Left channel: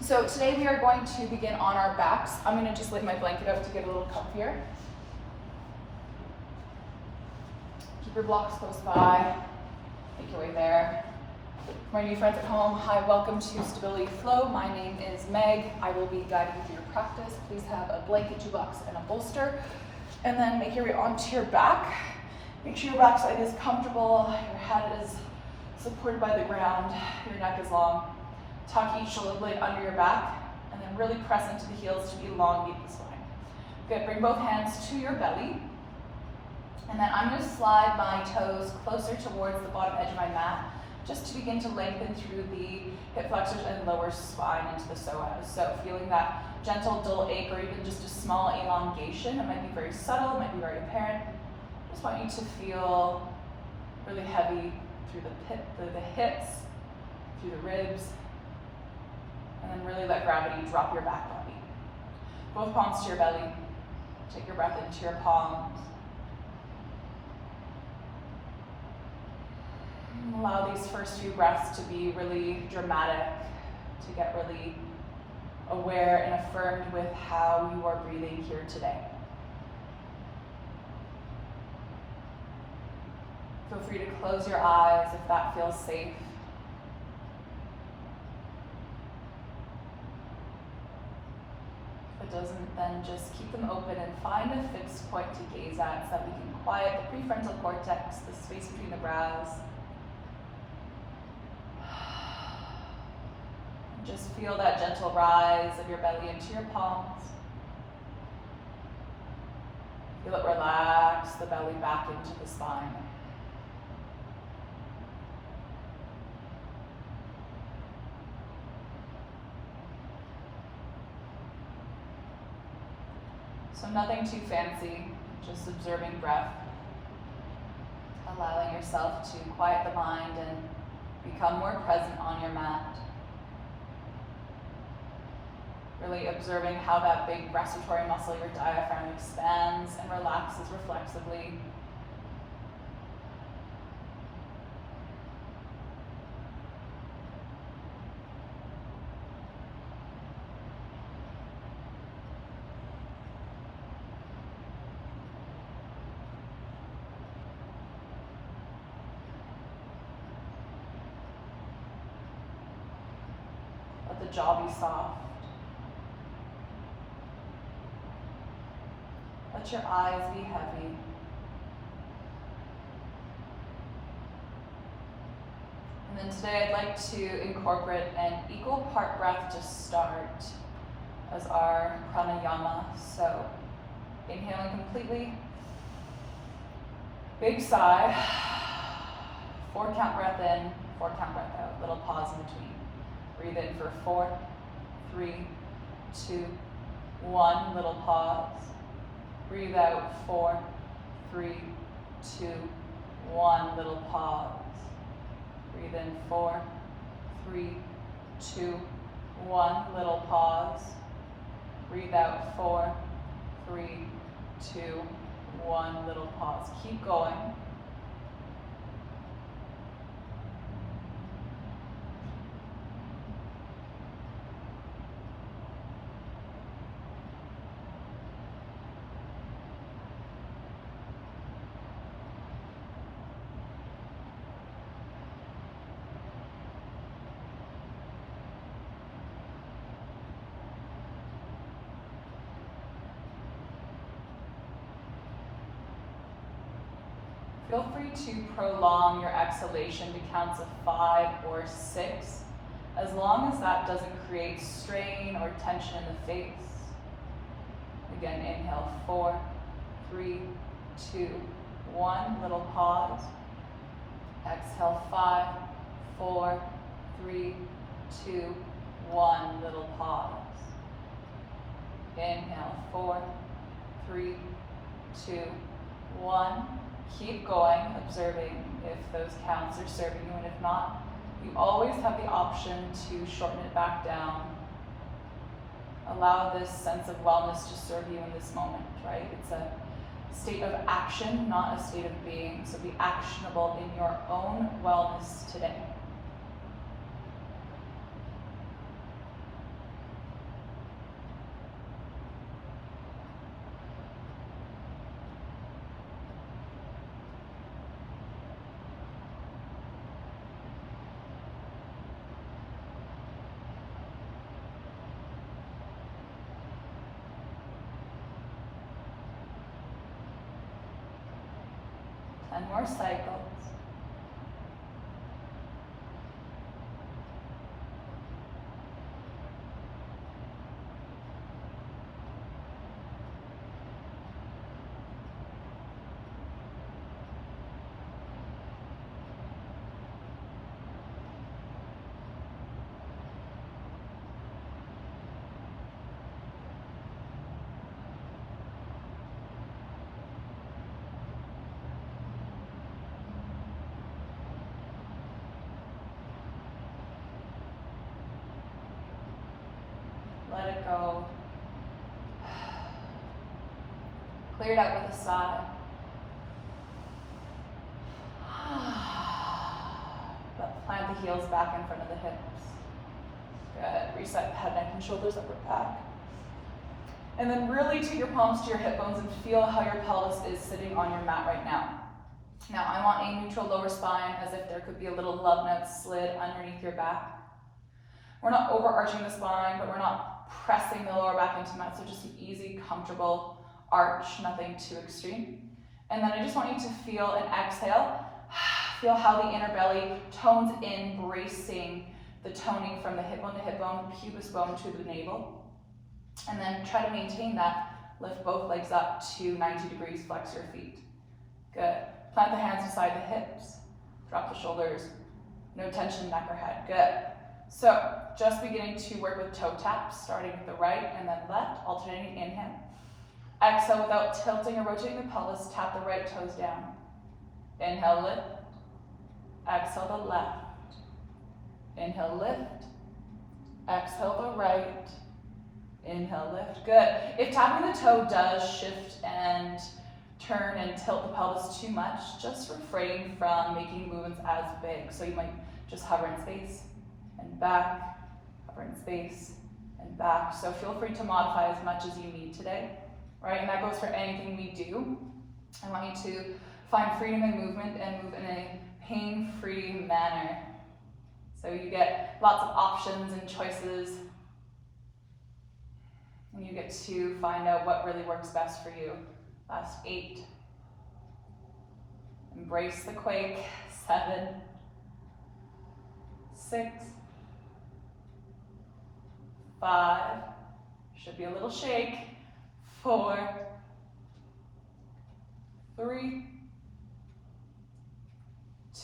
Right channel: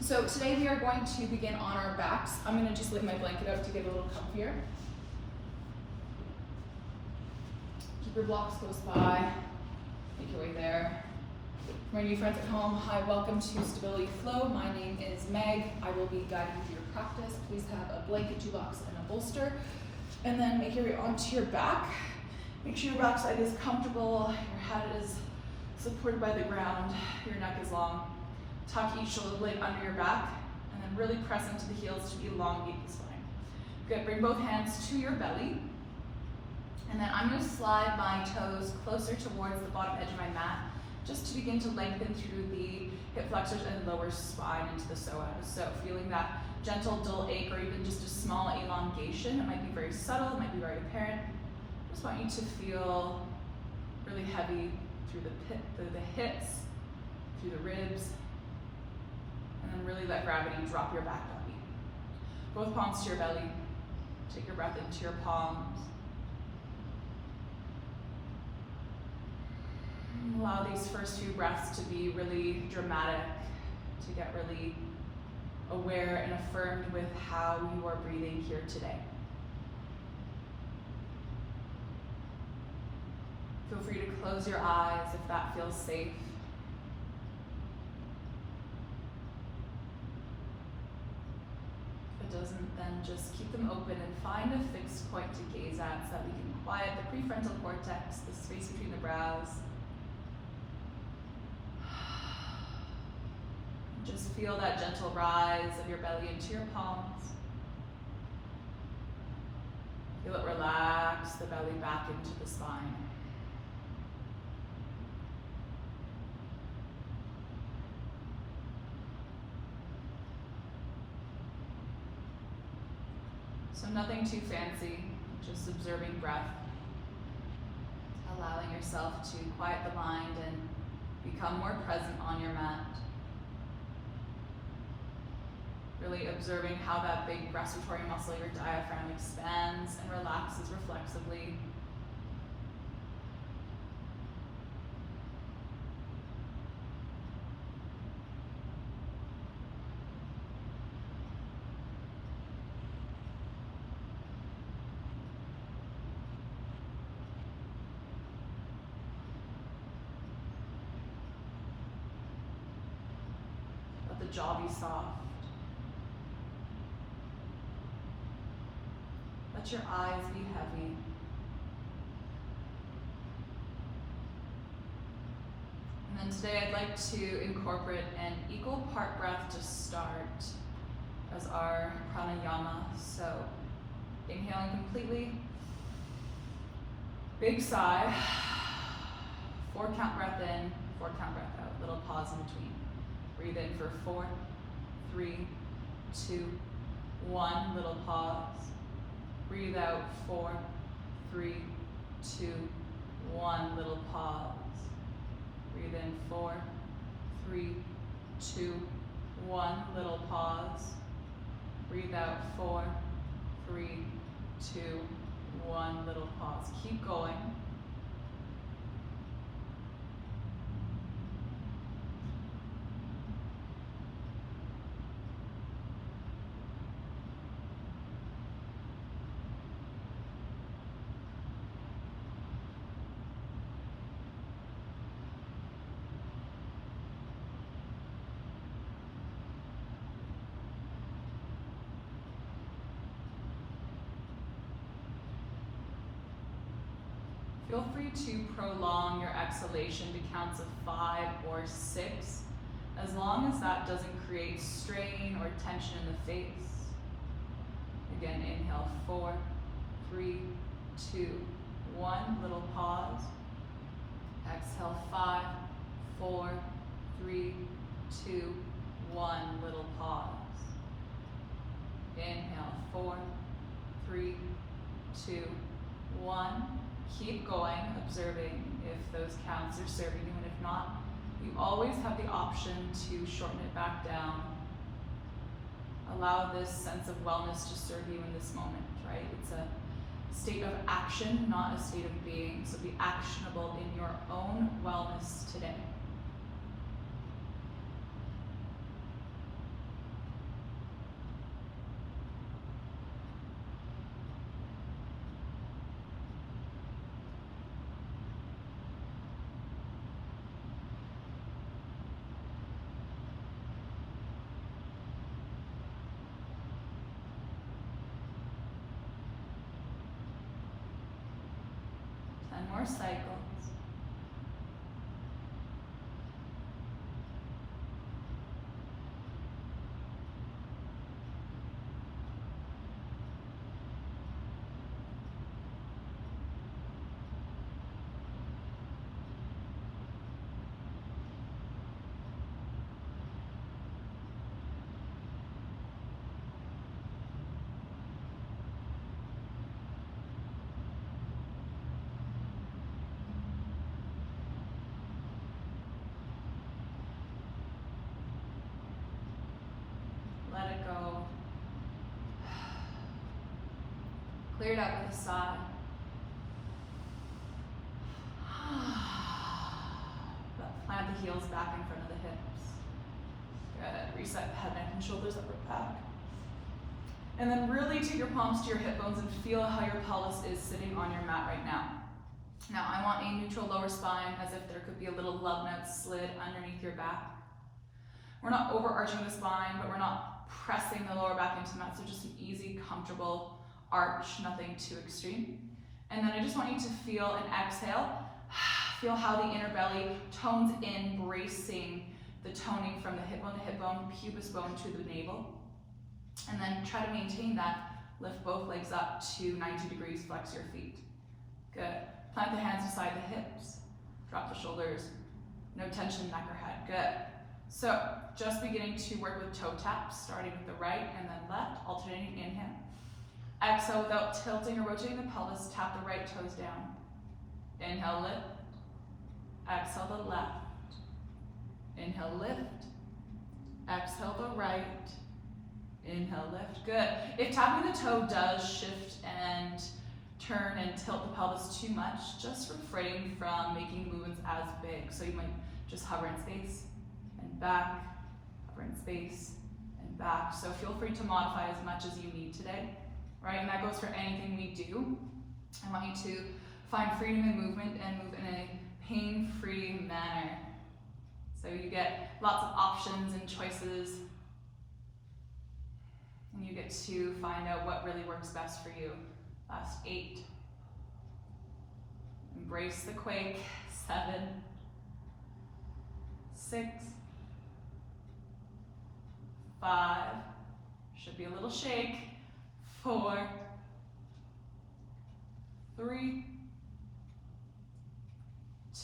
So today we are going to begin on our backs. I'm going to just lay my blanket out to get a little comfier. Keep your blocks close by. Make your way there. For my new friends at home, hi, welcome to Stability Flow. My name is Meg. I will be guiding you through your practice. Please have a blanket, 2 blocks, and a bolster. And then make your way onto your back. Make sure your backside is comfortable. Your head is supported by the ground. Your neck is long. Tuck each shoulder blade under your back, and then really press into the heels to elongate the spine. Good, bring both hands to your belly. And then I'm going to slide my toes closer towards the bottom edge of my mat, just to begin to lengthen through the hip flexors and lower spine into the psoas. So feeling that gentle dull ache or even just a small elongation. It might be very subtle, it might be very apparent. I just want you to feel really heavy through the hips, through the ribs, and then really let gravity drop your back body. Both palms to your belly. Take your breath into your palms. Allow these first few breaths to be really dramatic, to get really aware and affirmed with how you are breathing here today. Feel free to close your eyes if that feels safe. If it doesn't, then just keep them open and find a fixed point to gaze at so that we can quiet the prefrontal cortex, the space between the brows. Just feel that gentle rise of your belly into your palms. Feel it relax the belly back into the spine. So nothing too fancy, just observing breath. Allowing yourself to quiet the mind and become more present on your mat. Really observing how that big respiratory muscle, your diaphragm, expands and relaxes reflexively. Let the jaw be soft. Let your eyes be heavy. And then today I'd like to incorporate an equal part breath to start as our pranayama. So inhaling completely, big sigh, 4 count breath in, 4 count breath out, little pause in between. Breathe in for 4, 3, 2, 1, little pause. Breathe out, 4, 3, 2, 1, little pause. Breathe in, 4, 3, 2, 1, little pause. Breathe out, 4, 3, 2, 1, little pause. Keep going. Feel free to prolong your exhalation to counts of 5 or 6, as long as that doesn't create strain or tension in the face. Again, inhale, 4, 3, 2, 1, little pause. Exhale, 5, 4, 3, 2, 1, little pause. Inhale, 4, 3, 2, 1. Keep going, observing if those counts are serving you, and if not, you always have the option to shorten it back down. Allow this sense of wellness to serve you in this moment, right? It's a state of action, not a state of being. So be actionable in your own wellness today. 10 more cycles. Let it go. Clear it out with a sigh. Plant the heels back in front of the hips. Good. Reset head, neck, and shoulders, upper back. And then really take your palms to your hip bones and feel how your pelvis is sitting on your mat right now. Now I want a neutral lower spine, as if there could be a little love note slid underneath your back. We're not overarching the spine, but we're not pressing the lower back into mat, so just an easy, comfortable arch, nothing too extreme. And then I just want you to feel an exhale. Feel how the inner belly tones in, bracing the toning from the hip bone, pubis bone to the navel. And then try to maintain that. Lift both legs up to 90 degrees, flex your feet. Good. Plant the hands beside the hips. Drop the shoulders. No tension, neck or head. Good. So, just beginning to work with toe taps, starting with the right and then left, alternating inhale. Exhale without tilting or rotating the pelvis, tap the right toes down. Inhale, lift. Exhale the left. Inhale, lift. Exhale the right. Inhale, lift. Good. If tapping the toe does shift and turn and tilt the pelvis too much, just refrain from making movements as big. So you might just hover in space and back, hover in space and back. So feel free to modify as much as you need today, right? And that goes for anything we do. I want you to find freedom in movement and move in a pain-free manner. So you get lots of options and choices, and you get to find out what really works best for you. Last 8. Embrace the quake. 7, 6, 5, should be a little shake. 4, 3,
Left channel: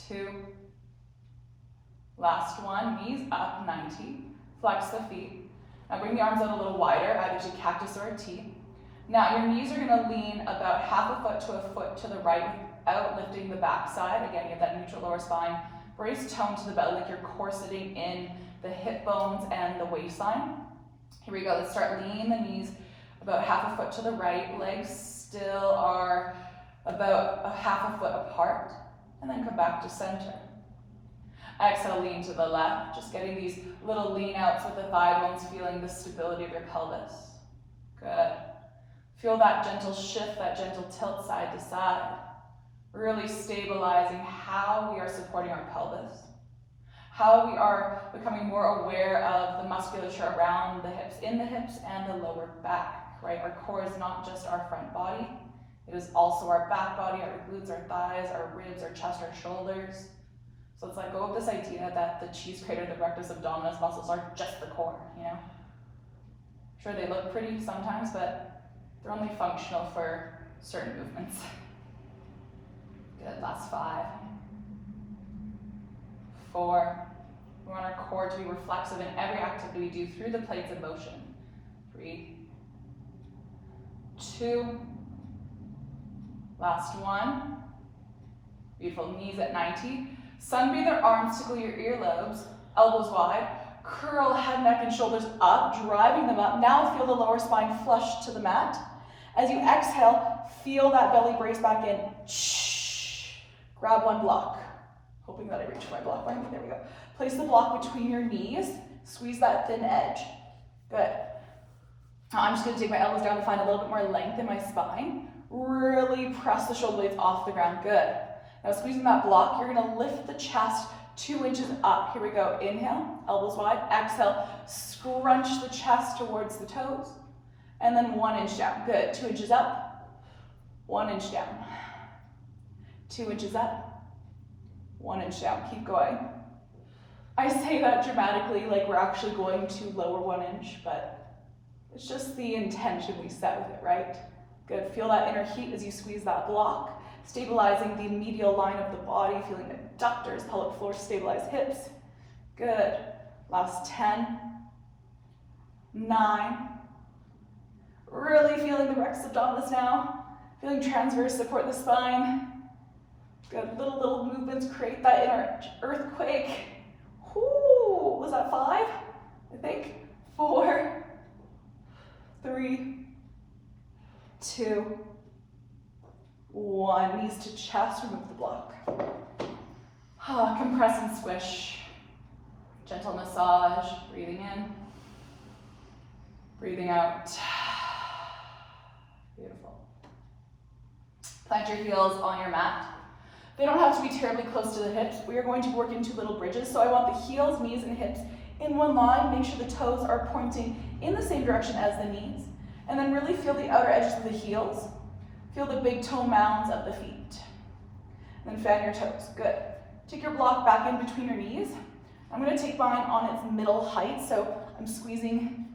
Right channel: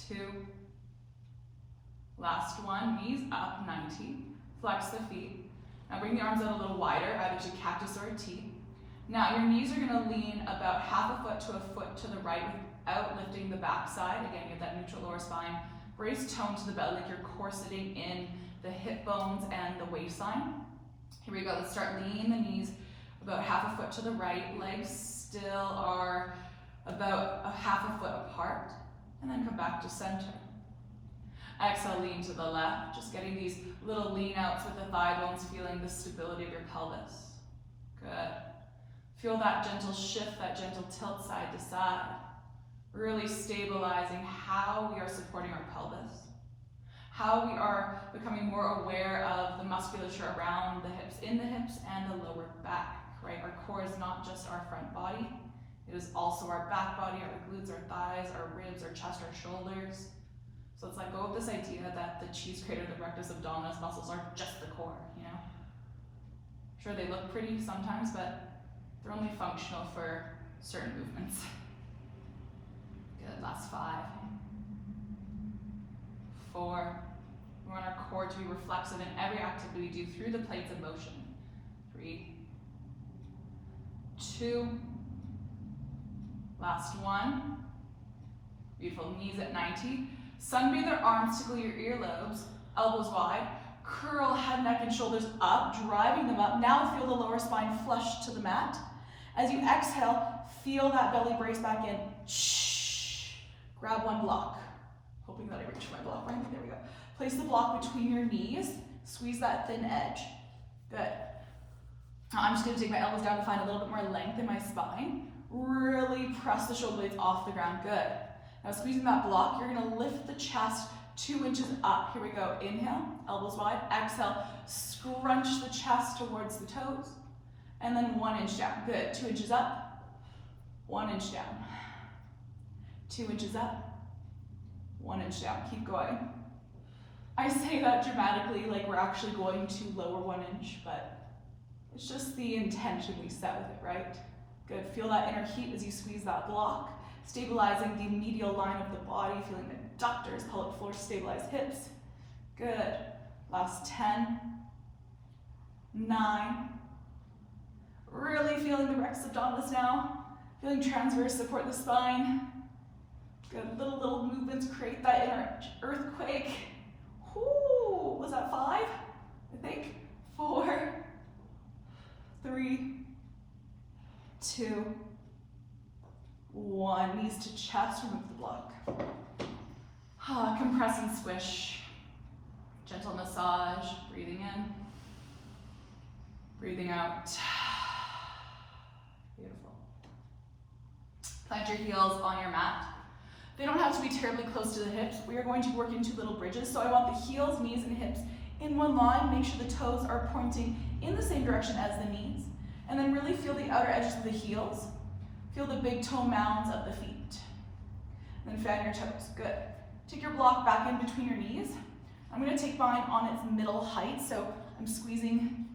2, last one, knees up, 90, flex the feet. Now bring the arms out a little wider, either to cactus or a T. Now your knees are gonna lean about half a foot to a foot to the right without lifting the back side. Again, you have that neutral lower spine. Brace tone to the belly, like your core sitting in the hip bones and the waistline. Here we go, let's start leaning the knees about half a foot to the right. Legs still are about a half a foot apart. And then come back to center. Exhale, lean to the left, just getting these little lean outs with the thigh bones, feeling the stability of your pelvis. Good. Feel that gentle shift, that gentle tilt side to side. Really stabilizing how we are supporting our pelvis. How we are becoming more aware of the musculature around the hips, in the hips and the lower back, right? Our core is not just our front body. It is also our back body, our glutes, our thighs, our ribs, our chest, our shoulders. So let's let go of this idea that the cheese grater, the rectus abdominis muscles are just the core, you know? Sure, they look pretty sometimes, but they're only functional for certain movements. Good, last 5. 4. We want our core to be reflexive in every activity we do through the planes of motion. 3, 2, last 1. Beautiful, knees at 90. Sunbeam their arms, tickle your earlobes, elbows wide. Curl head, neck, and shoulders up, driving them up. Now feel the lower spine flush to the mat. As you exhale, feel that belly brace back in. Shh. Grab one block. Hoping that I reach my block right. There we go. Place the block between your knees. Squeeze that thin edge. Good. Now I'm just going to take my elbows down to find a little bit more length in my spine. Really press the shoulder blades off the ground. Good. Now squeezing that block, you're going to lift the chest 2 inches up. Here we go. Inhale, elbows wide. Exhale, scrunch the chest towards the toes. And then 1 inch down. Good. 2 inches up, 1 inch down. 2 inches up, 1 inch down. Keep going. I say that dramatically like we're actually going to lower 1 inch, but it's just the intention we set with it, right? Good. Feel that inner heat as you squeeze that block, stabilizing the medial line of the body, feeling adductors, pelvic floor, stabilize hips. Good. Last 10, 9. Really feeling the rectus abdominis now. Feeling transverse support the spine. Good. Little movements create that inner earthquake. Ooh, was that 5? I think. 4, 3, 2, 1. Knees to chest, remove the block. Compress and squish. Gentle massage, breathing in, breathing out. Beautiful. Plant your heels on your mat. They don't have to be terribly close to the hips. We are going to work into little bridges. So I want the heels, knees, and hips in one line. Make sure the toes are pointing in the same direction as the knees. And then really feel the outer edges of the heels. Feel the big toe mounds of the feet. And then fan your toes. Good. Take your block back in between your knees. I'm going to take mine on its middle height. So I'm squeezing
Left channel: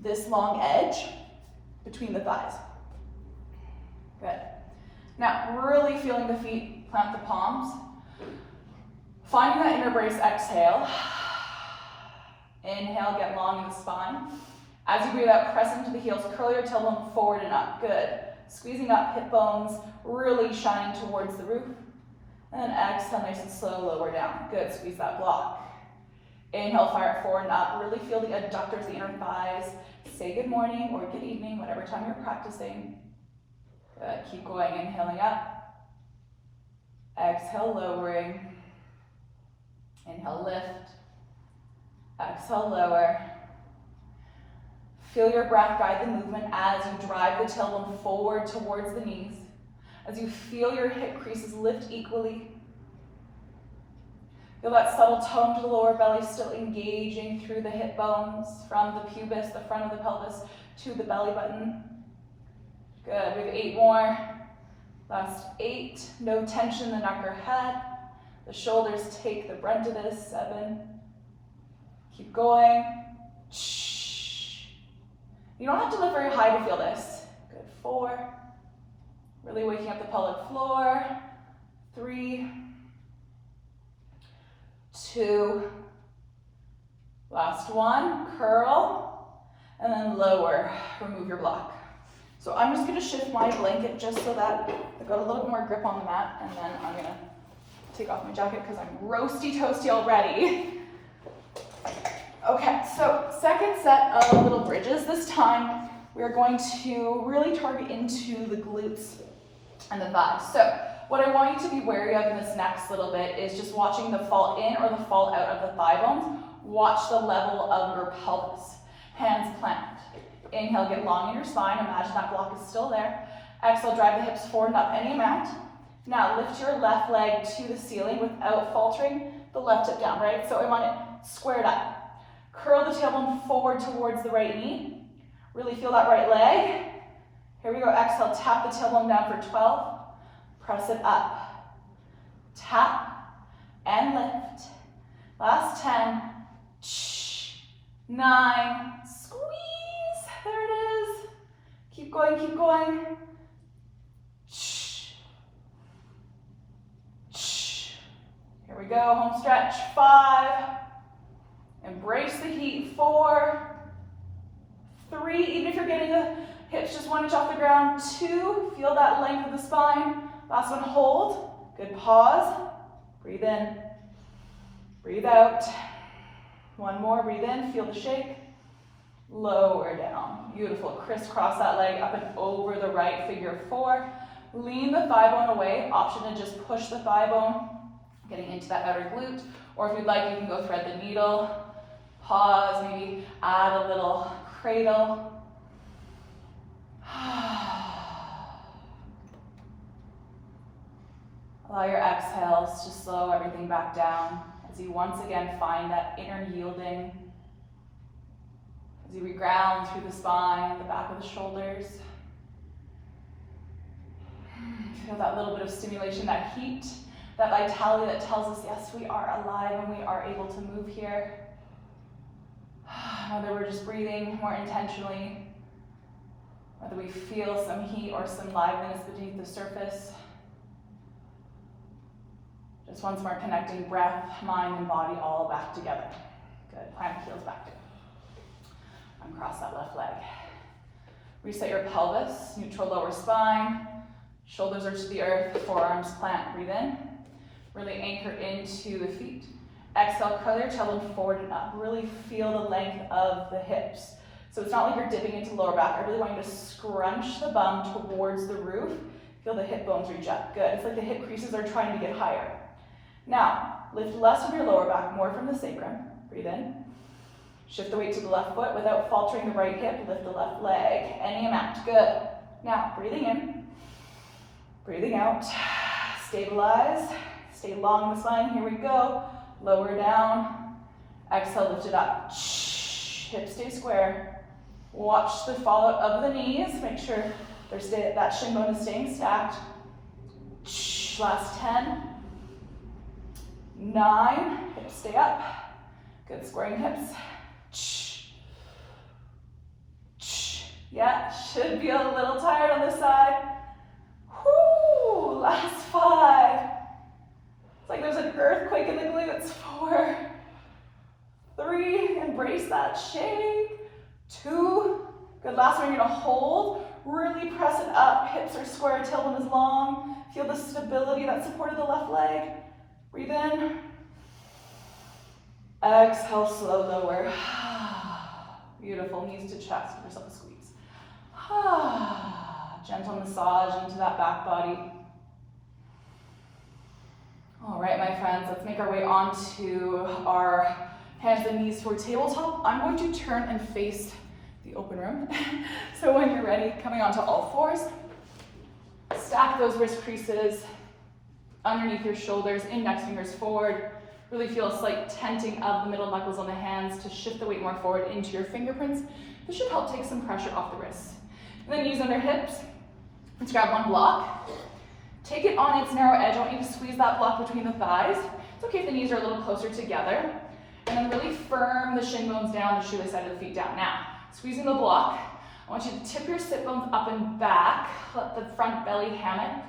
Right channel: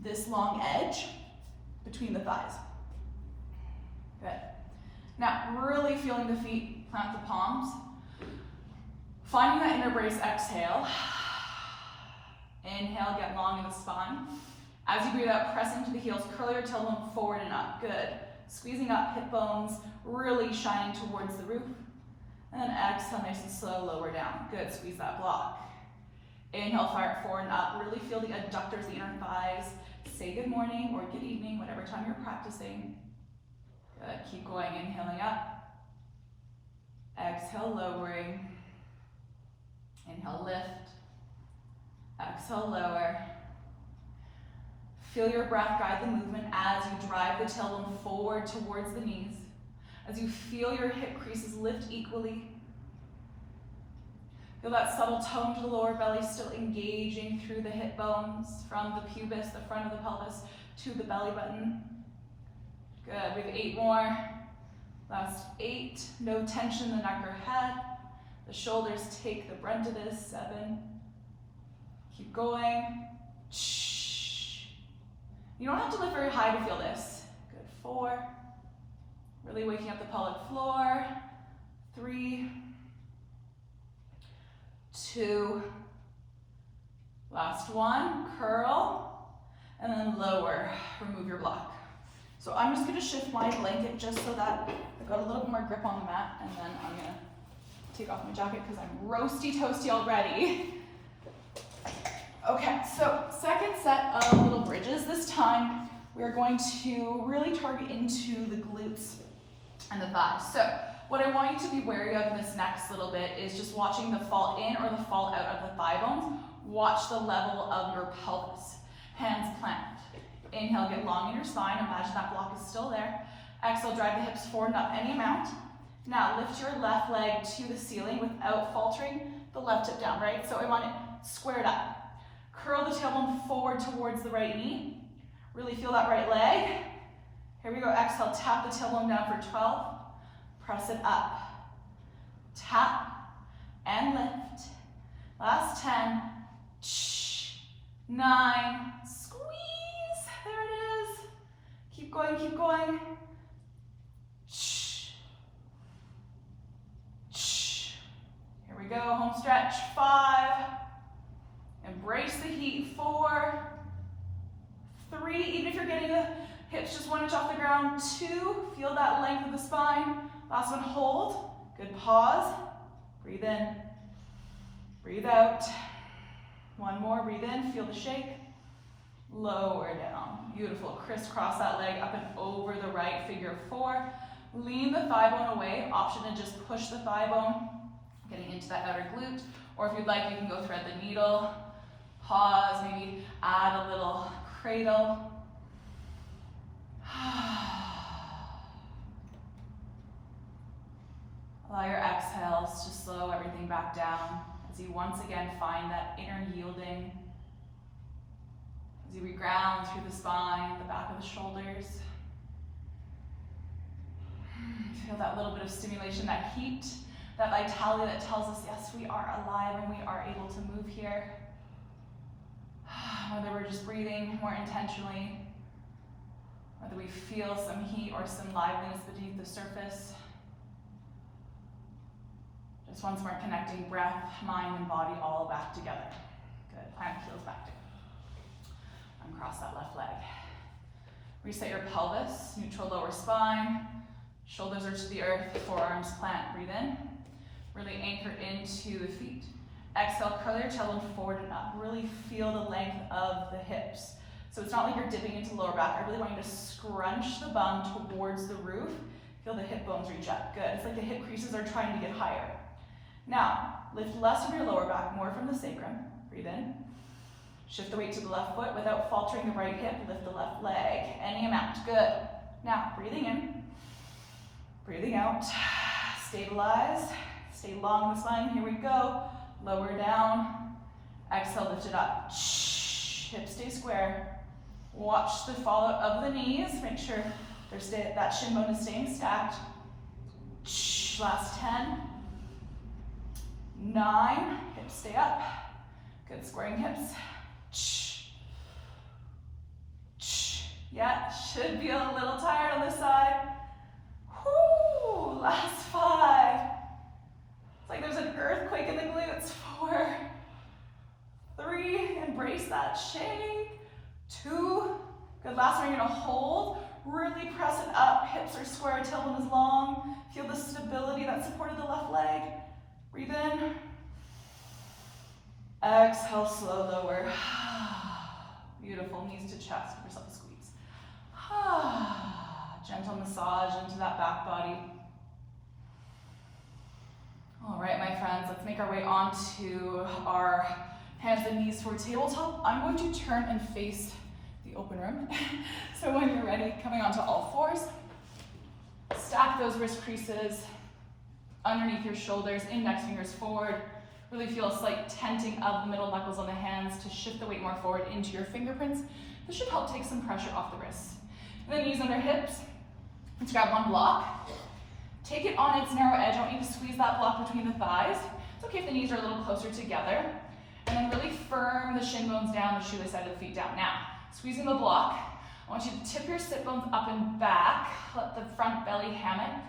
this long edge between the thighs. Good. Now, really feeling the feet, plant the palms. Finding that inner brace, exhale. Inhale, get long in the spine. As you breathe out, press into the heels, curl your tailbone forward and up. Good. Squeezing up hip bones, really shining towards the roof. And then exhale, nice and slow, lower down. Good, squeeze that block. Inhale, fire it forward and up. Really feel the adductors, the inner thighs. Say good morning or good evening, whatever time you're practicing. Good, keep going, inhaling up. Exhale, lowering. Inhale, lift. Exhale, lower. Feel your breath guide the movement as you drive the tailbone forward towards the knees. As you feel your hip creases lift equally. Feel that subtle tone to the lower belly still engaging through the hip bones from the pubis, the front of the pelvis, to the belly button. Good, we have 8 more. Last 8, no tension in the neck or head. The shoulders take the brunt of this. 7. Keep going. You don't have to lift very high to feel this. Good, 4. Really waking up the pelvic floor. 3, 2, last 1, curl, and then lower, remove your block. So I'm just gonna shift my blanket just so that I've got a little bit more grip on the mat, and then I'm gonna take off my jacket because I'm roasty toasty already. Okay, so second set of little bridges. This time we're going to really target into the glutes and the thighs. So what I want you to be wary of in this next little bit is just watching the fall in or the fall out of the thigh bones. Watch the level of your pelvis. Hands plant. Inhale, get long in your spine. Imagine that block is still there. Exhale, drive the hips forward and up any amount. Now lift your left leg to the ceiling without faltering the left hip down, right? So I want it squared up. Curl the tailbone forward towards the right knee. Really feel that right leg. Here we go. Exhale, tap the tailbone down for 12. Press it up. Tap and lift. Last 10. 9. Squeeze. There it is. Keep going, keep going. Here we go. Home stretch. 5. Embrace the heat. 4. 3. Even if you're getting the hips just 1 inch off the ground. 2. Feel that length of the spine. Last one, hold. Good, pause. Breathe in. Breathe out. 1 more, breathe in, feel the shake. Lower down. Beautiful. Crisscross that leg up and over the right, figure 4. Lean the thigh bone away. Option to just push the thigh bone, getting into that outer glute. Or if you'd like, you can go thread the needle. Pause, maybe add a little cradle. Allow your exhales to slow everything back down as you once again find that inner yielding. As you reground through the spine, the back of the shoulders. Feel that little bit of stimulation, that heat, that vitality that tells us, yes, we are alive and we are able to move here. Whether we're just breathing more intentionally, whether we feel some heat or some liveliness beneath the surface. Just once more connecting breath, mind, and body all back together. Good, plant the heels back. Uncross that left leg. Reset your pelvis, neutral lower spine. Shoulders are to the earth, forearms plant, breathe in. Really anchor into the feet. Exhale, curl your tailbone forward and up. Really feel the length of the hips. So it's not like you're dipping into lower back. I really want you to scrunch the bum towards the roof. Feel the hip bones reach up. Good. It's like the hip creases are trying to get higher. Now, lift less from your lower back, more from the sacrum. Breathe in. Shift the weight to the left foot without faltering the right hip. Lift the left leg. Any amount. Good. Now, breathing in. Breathing out. Stabilize. Stay long in the spine. Here we go. Lower down. Exhale, lift it up. Hips stay square. Watch the fallout of the knees. Make sure that shin bone is staying stacked. Last 10. 9. Hips stay up. Good, squaring hips. Yeah, should be a little tired on this side. Whoo, last 5. It's like there's an earthquake in the glutes. 4, 3, embrace that shake. 2, good, last one, you're gonna hold. Really press it up, hips are square, tailbone is long. Feel the stability that supported the left leg. Breathe in. Exhale, slow lower. Beautiful, knees to chest, give yourself a squeeze. Gentle massage into that back body. All right, my friends, let's make our way onto our hands and knees toward tabletop. I'm going to turn and face the open room. So when you're ready, coming onto all fours, stack those wrist creases underneath your shoulders, index fingers forward. Really feel a slight tenting of the middle knuckles on the hands to shift the weight more forward into your fingerprints. This should help take some pressure off the wrists. And then use under hips. Let's grab one block. Take it on its narrow edge. I want you to squeeze that block between the thighs. It's okay if the knees are a little closer together. And then really firm the shin bones down, the shoelace side of the feet down. Now, squeezing the block, I want you to tip your sit bones up and back. Let the front belly hammock.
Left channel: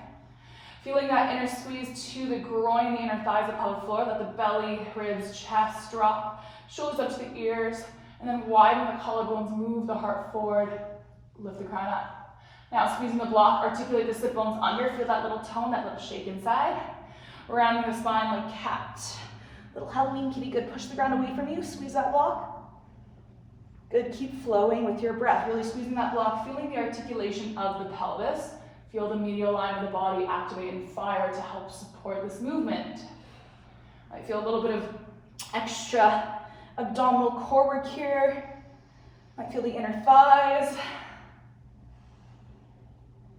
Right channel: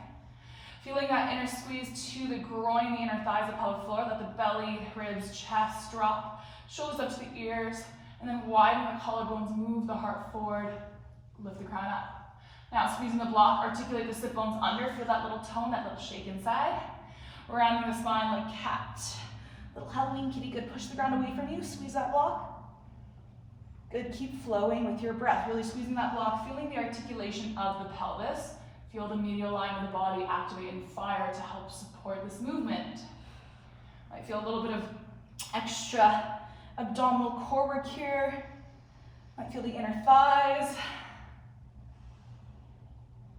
Feeling that inner squeeze to the groin, the inner thighs, the pelvic floor. Let the belly, ribs, chest drop. Shoulders up to the ears. And then widen the collarbones, move the heart forward. Lift the crown up. Now squeezing the block, articulate the sit bones under. Feel that little tone, that little shake inside. Rounding the spine like cat. Little Halloween kitty, good. Push the ground away from you. Squeeze that block. Good, keep flowing with your breath. Really squeezing that block, feeling the articulation of the pelvis. Feel the medial line of the body activate and fire to help support this movement. I feel a little bit of extra abdominal core work here. I feel the inner thighs.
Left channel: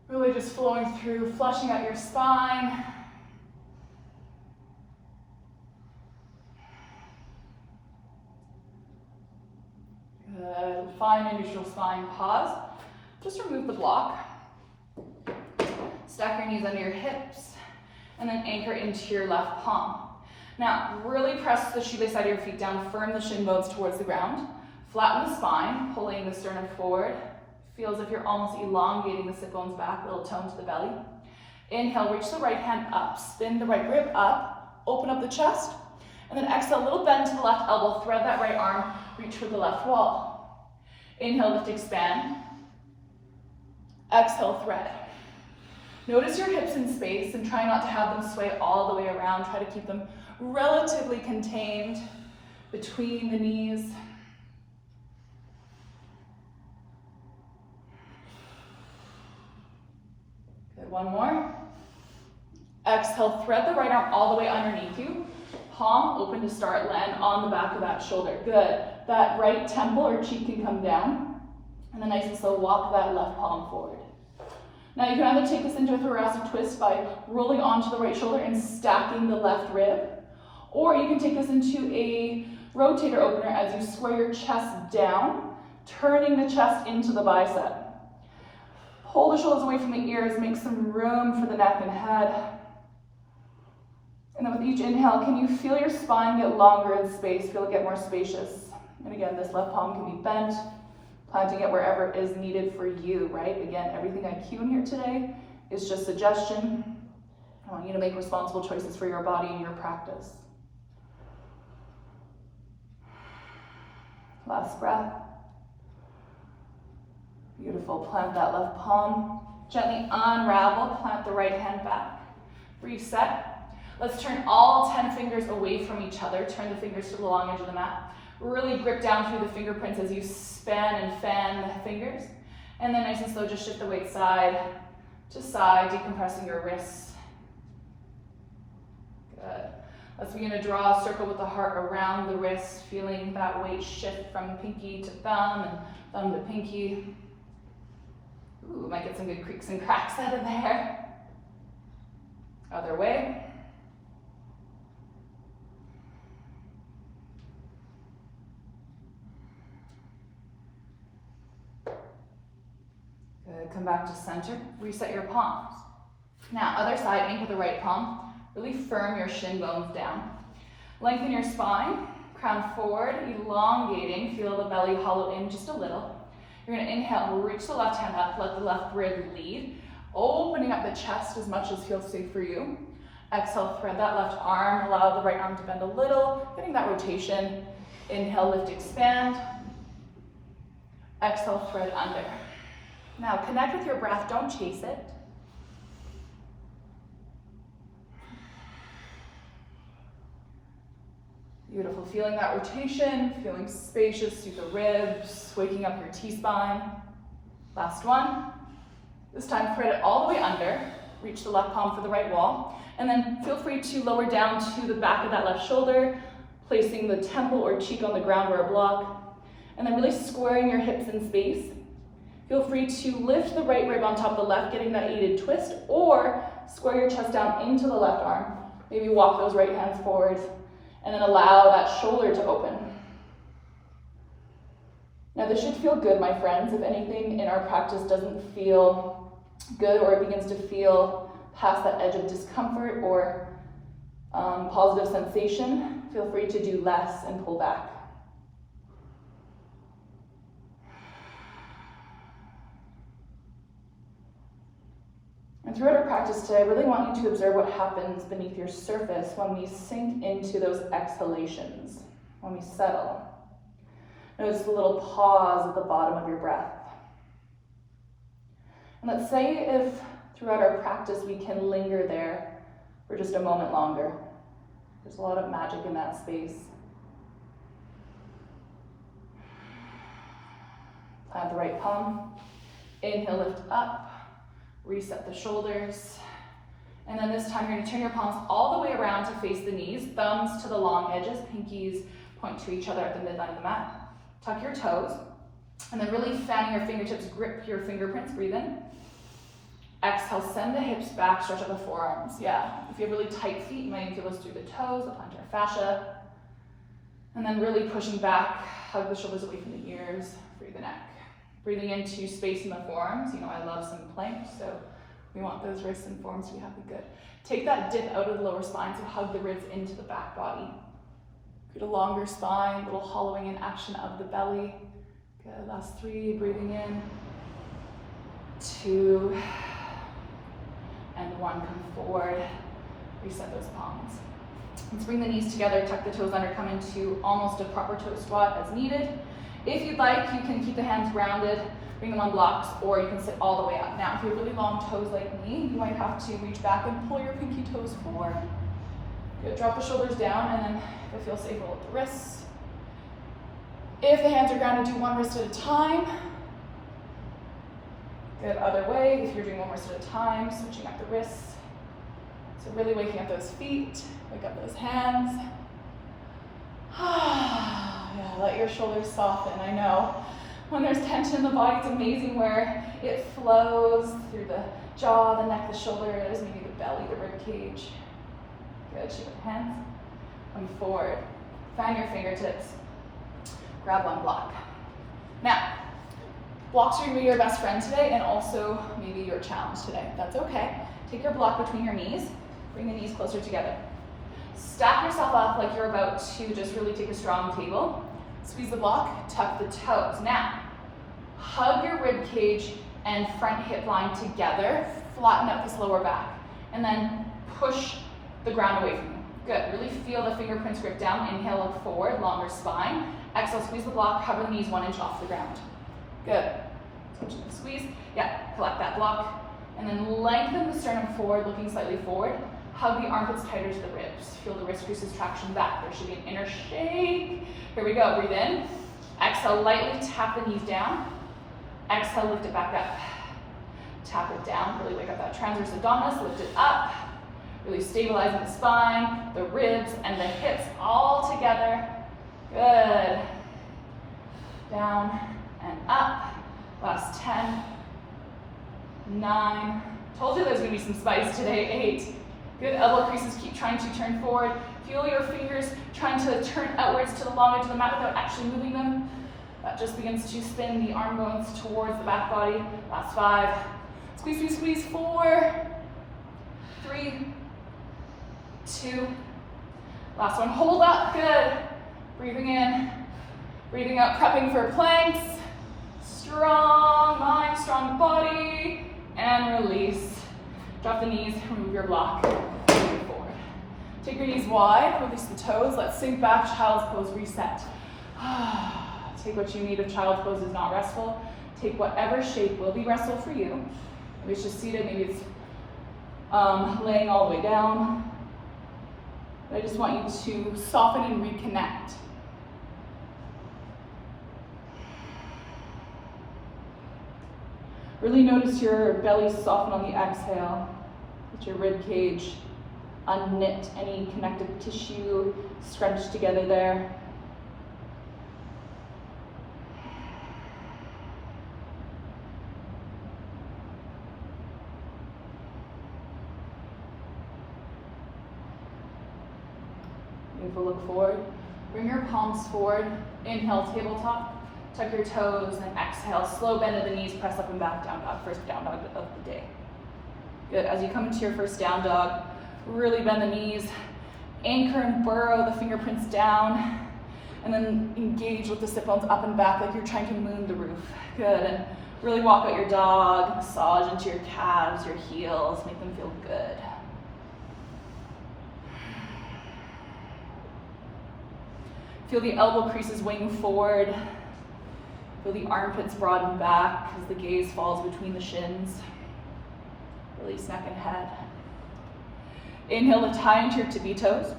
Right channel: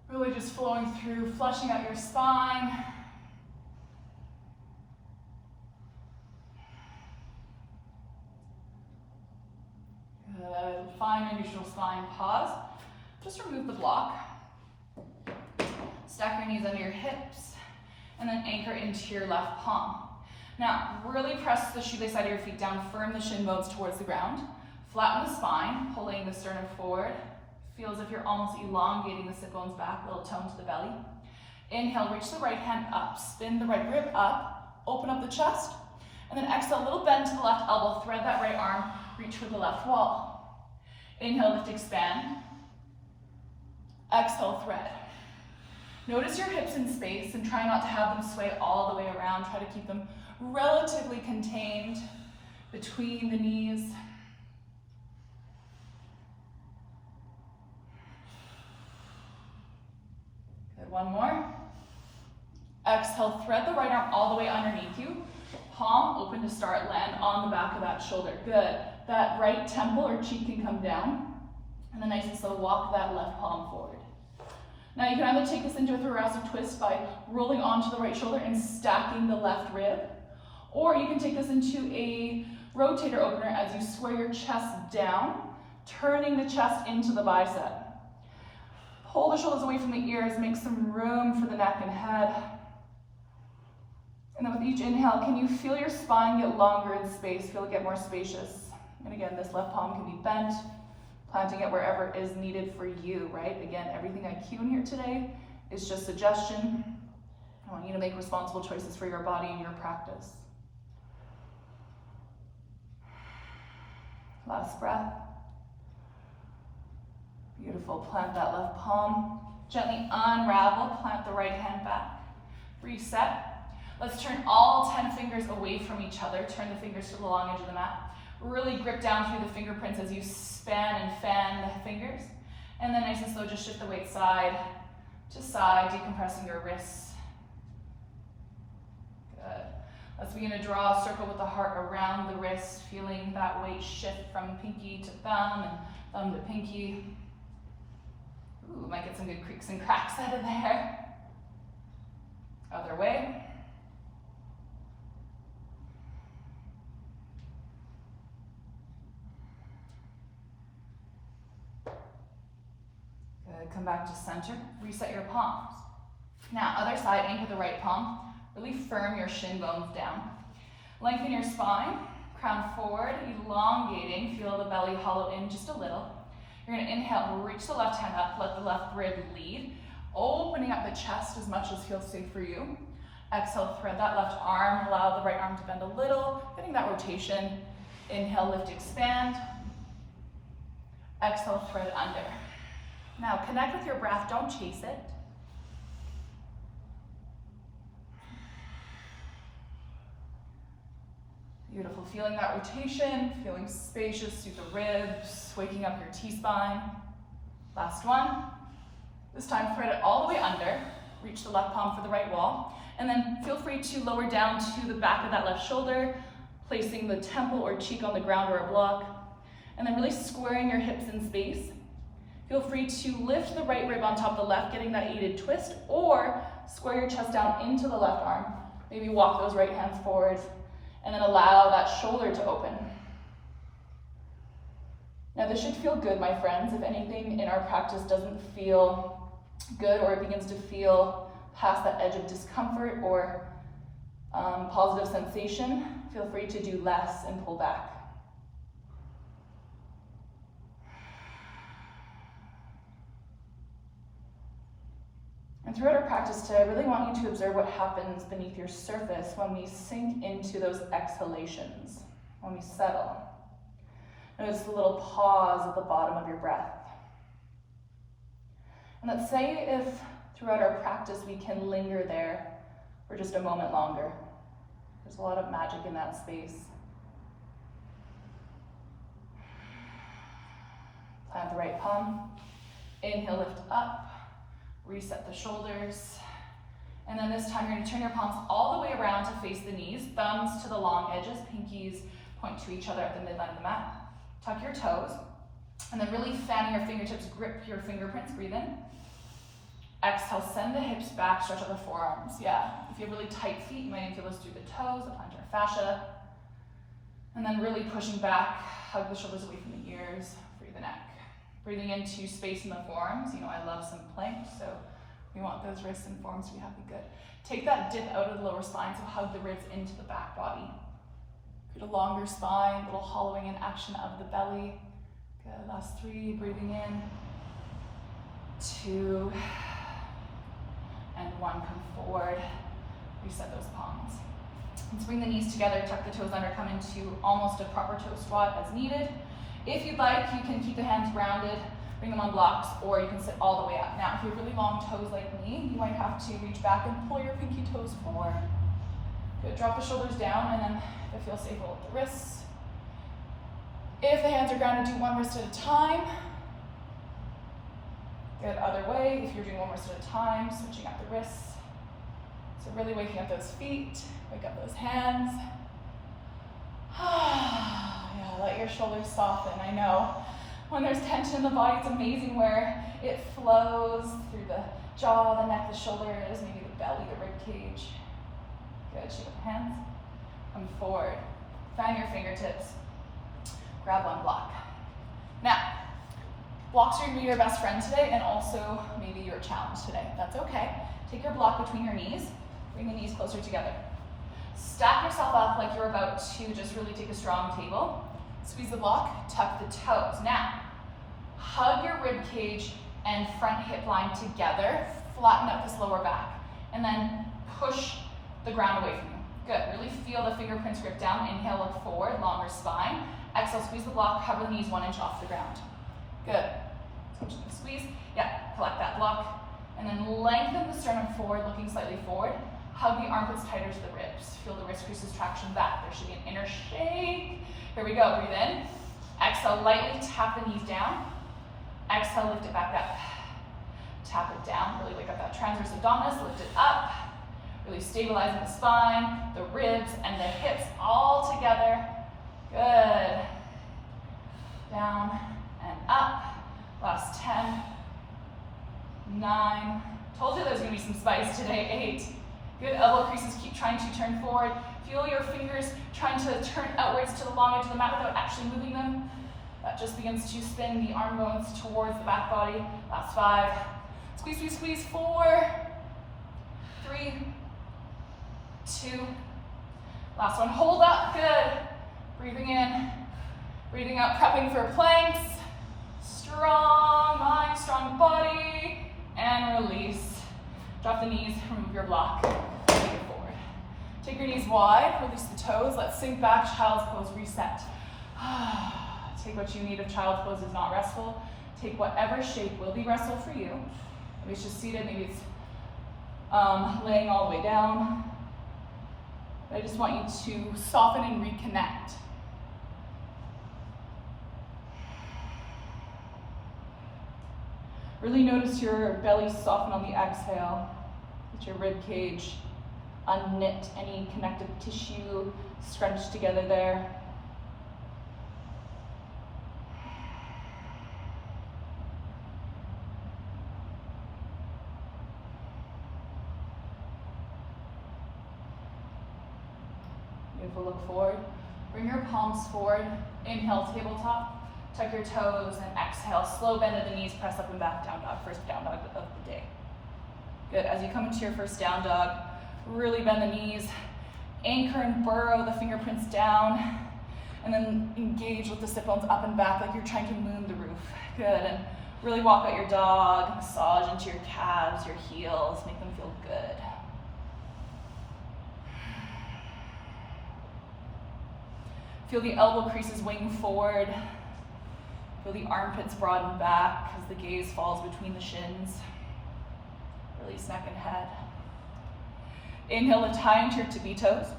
Really just flowing through, flushing out your spine. Good. Find a neutral spine. Pause. Just remove the block. Stack your knees under your hips. And then anchor into your left palm. Now, really press the shoelace side of your feet down. Firm the shin bones towards the ground. Flatten the spine, pulling the sternum forward. Feel as if you're almost elongating the sit bones back, little tone to the belly. Inhale, reach the right hand up, spin the right rib up, open up the chest, and then exhale, a little bend to the left elbow, thread that right arm, reach for the left wall. Inhale, lift, expand. Exhale, thread. Notice your hips in space and try not to have them sway all the way around. Try to keep them relatively contained between the knees. One more. Exhale, thread the right arm all the way underneath you. Palm open to start, land on the back of that shoulder. Good. That right temple or cheek can come down. And then nice and slow, walk that left palm forward. Now you can either take this into a thoracic twist by rolling onto the right shoulder and stacking the left rib, or you can take this into a rotator opener as you square your chest down, turning the chest into the bicep. Pull the shoulders away from the ears, make some room for the neck and head. And then with each inhale, can you feel your spine get longer in space, feel it get more spacious? And again, this left palm can be bent, planting it wherever is needed for you, right? Again, everything I cue in here today is just suggestion. I want you to make responsible choices for your body and your practice. Last breath. Beautiful, plant that left palm. Gently unravel, plant the right hand back. Reset. Let's turn all 10 fingers away from each other. Turn the fingers to the long edge of the mat. Really grip down through the fingerprints as you span and fan the fingers. And then nice and slow, just shift the weight side to side, decompressing your wrists. Good. Let's begin to draw a circle with the heart around the wrist, feeling that weight shift from pinky to thumb and thumb to pinky. Ooh, might get some good creaks and cracks out of there. Other way. Good, come back to center, reset your palms. Now, other side, aim for the right palm. Really firm your shin bones down. Lengthen your spine, crown forward, elongating, feel the belly hollow in just a little. You're gonna inhale, reach the left hand up, let the left rib lead, opening up the chest as much as feels safe for you. Exhale, thread that left arm, allow the right arm to bend a little, getting that rotation. Inhale, lift, expand. Exhale, thread under. Now connect with your breath, don't chase it. Beautiful, feeling that rotation, feeling spacious through the ribs, waking up your T-spine. Last one. This time thread it all the way under, reach the left palm for the right wall, and then feel free to lower down to the back of that left shoulder, placing the temple or cheek on the ground or a block, and then really squaring your hips in space. Feel free to lift the right rib on top of the left, getting that aided twist, or square your chest down into the left arm. Maybe walk those right hands forward, and then allow that shoulder to open. Now this should feel good, my friends. If anything in our practice doesn't feel good or it begins to feel past that edge of discomfort or positive sensation, feel free to do less and pull back. And throughout our practice today, I really want you to observe what happens beneath your surface when we sink into those exhalations, when we settle. Notice the little pause at the bottom of your breath. And let's say if throughout our practice we can linger there for just a moment longer. There's a lot of magic in that space. Plant the right palm. Inhale, lift up. Reset the shoulders. And then this time you're going to turn your palms all the way around to face the knees, thumbs to the long edges, pinkies point to each other at the midline of the mat. Tuck your toes, and then really fan your fingertips, grip your fingerprints, breathe in. Exhale, send the hips back, stretch out the forearms. Yeah, if you have really tight feet, you might feel those through the toes, the plantar fascia. And then really pushing back, hug the shoulders away from the ears, free the neck. Breathing into space in the forearms. You know, I love some planks, so we want those wrists and forearms to be happy. Good. Take that dip out of the lower spine, so hug the ribs into the back body. Get a longer spine, little hollowing in action of the belly. Good. Last 3, breathing in. 2, and 1. Come forward. Reset those palms. Let's bring the knees together, tuck the toes under, come into almost a proper toe squat as needed. If you'd like, you can keep the hands grounded, bring them on blocks, or you can sit all the way up. Now, if you have really long toes like me, you might have to reach back and pull your pinky toes forward. Good. Drop the shoulders down, and then you'll feel safe with the wrists. If the hands are grounded, do one wrist at a time. Good. Other way, if you're doing one wrist at a time, switching up the wrists. So really waking up those feet, wake up those hands. Yeah, let your shoulders soften. I know when there's tension in the body, it's amazing where it flows through the jaw, the neck, the shoulders, maybe the belly, the rib cage. Good, shake the hands. Come forward. Find your fingertips. Grab one block. Now, Blocks are gonna be your best friend today and also maybe your challenge today. That's okay. Take your block between your knees, bring the knees closer together. Stack yourself up like you're about to just really take a strong table. Squeeze the block, tuck the toes. Now, hug your rib cage and front hip line together, flatten up this lower back, and then push the ground away from you. Good, really feel the fingerprints grip down. Inhale, look forward, longer spine. Exhale, squeeze the block, cover the knees 1 inch off the ground. Good. Squeeze, yeah, collect that block. And then lengthen the sternum forward, looking slightly forward. Hug the armpits tighter to the ribs. Feel the wrist creases traction back. There should be an inner shake. Here we go, breathe in. Exhale, lightly tap the knees down. Exhale, lift it back up. Tap it down, really wake up that transverse abdominis, lift it up. Really stabilizing the spine, the ribs, and the hips all together. Good. Down and up. Last 10, 9. Told you there's gonna be some spice today. 8. Good, elbow creases, keep trying to turn forward. Feel your fingers trying to turn outwards to the long edge of the mat without actually moving them. That just begins to spin the arm bones towards the back body. Last 5. Squeeze, squeeze, squeeze. 4, 3, 2. Last one, hold up, good. Breathing in, breathing out, prepping for planks. Strong mind, strong body, and release. Drop the knees, remove your block, move forward. Take your knees wide, release the toes, let's sink back, child's pose, reset. Take what you need if child's pose is not restful. Take whatever shape will be restful for you. Maybe it's just seated, maybe it's laying all the way down. I just want you to soften and reconnect. Really notice your belly soften on the exhale. Let your rib cage unknit any connective tissue, scrunch together there. Beautiful, look forward. Bring your palms forward. Inhale, tabletop. Tuck your toes and exhale. Slow bend of the knees, press up and back, down dog. First down dog of the day. Good, as you come into your first down dog, really bend the knees. Anchor and burrow the fingerprints down. And then engage with the sit bones up and back like you're trying to moon the roof. Good, and really walk out your dog. Massage into your calves, your heels. Make them feel good. Feel the elbow creases wing forward. Feel the armpits broaden back as the gaze falls between the shins. Release neck and head. Inhale, lift high into your tippy toes.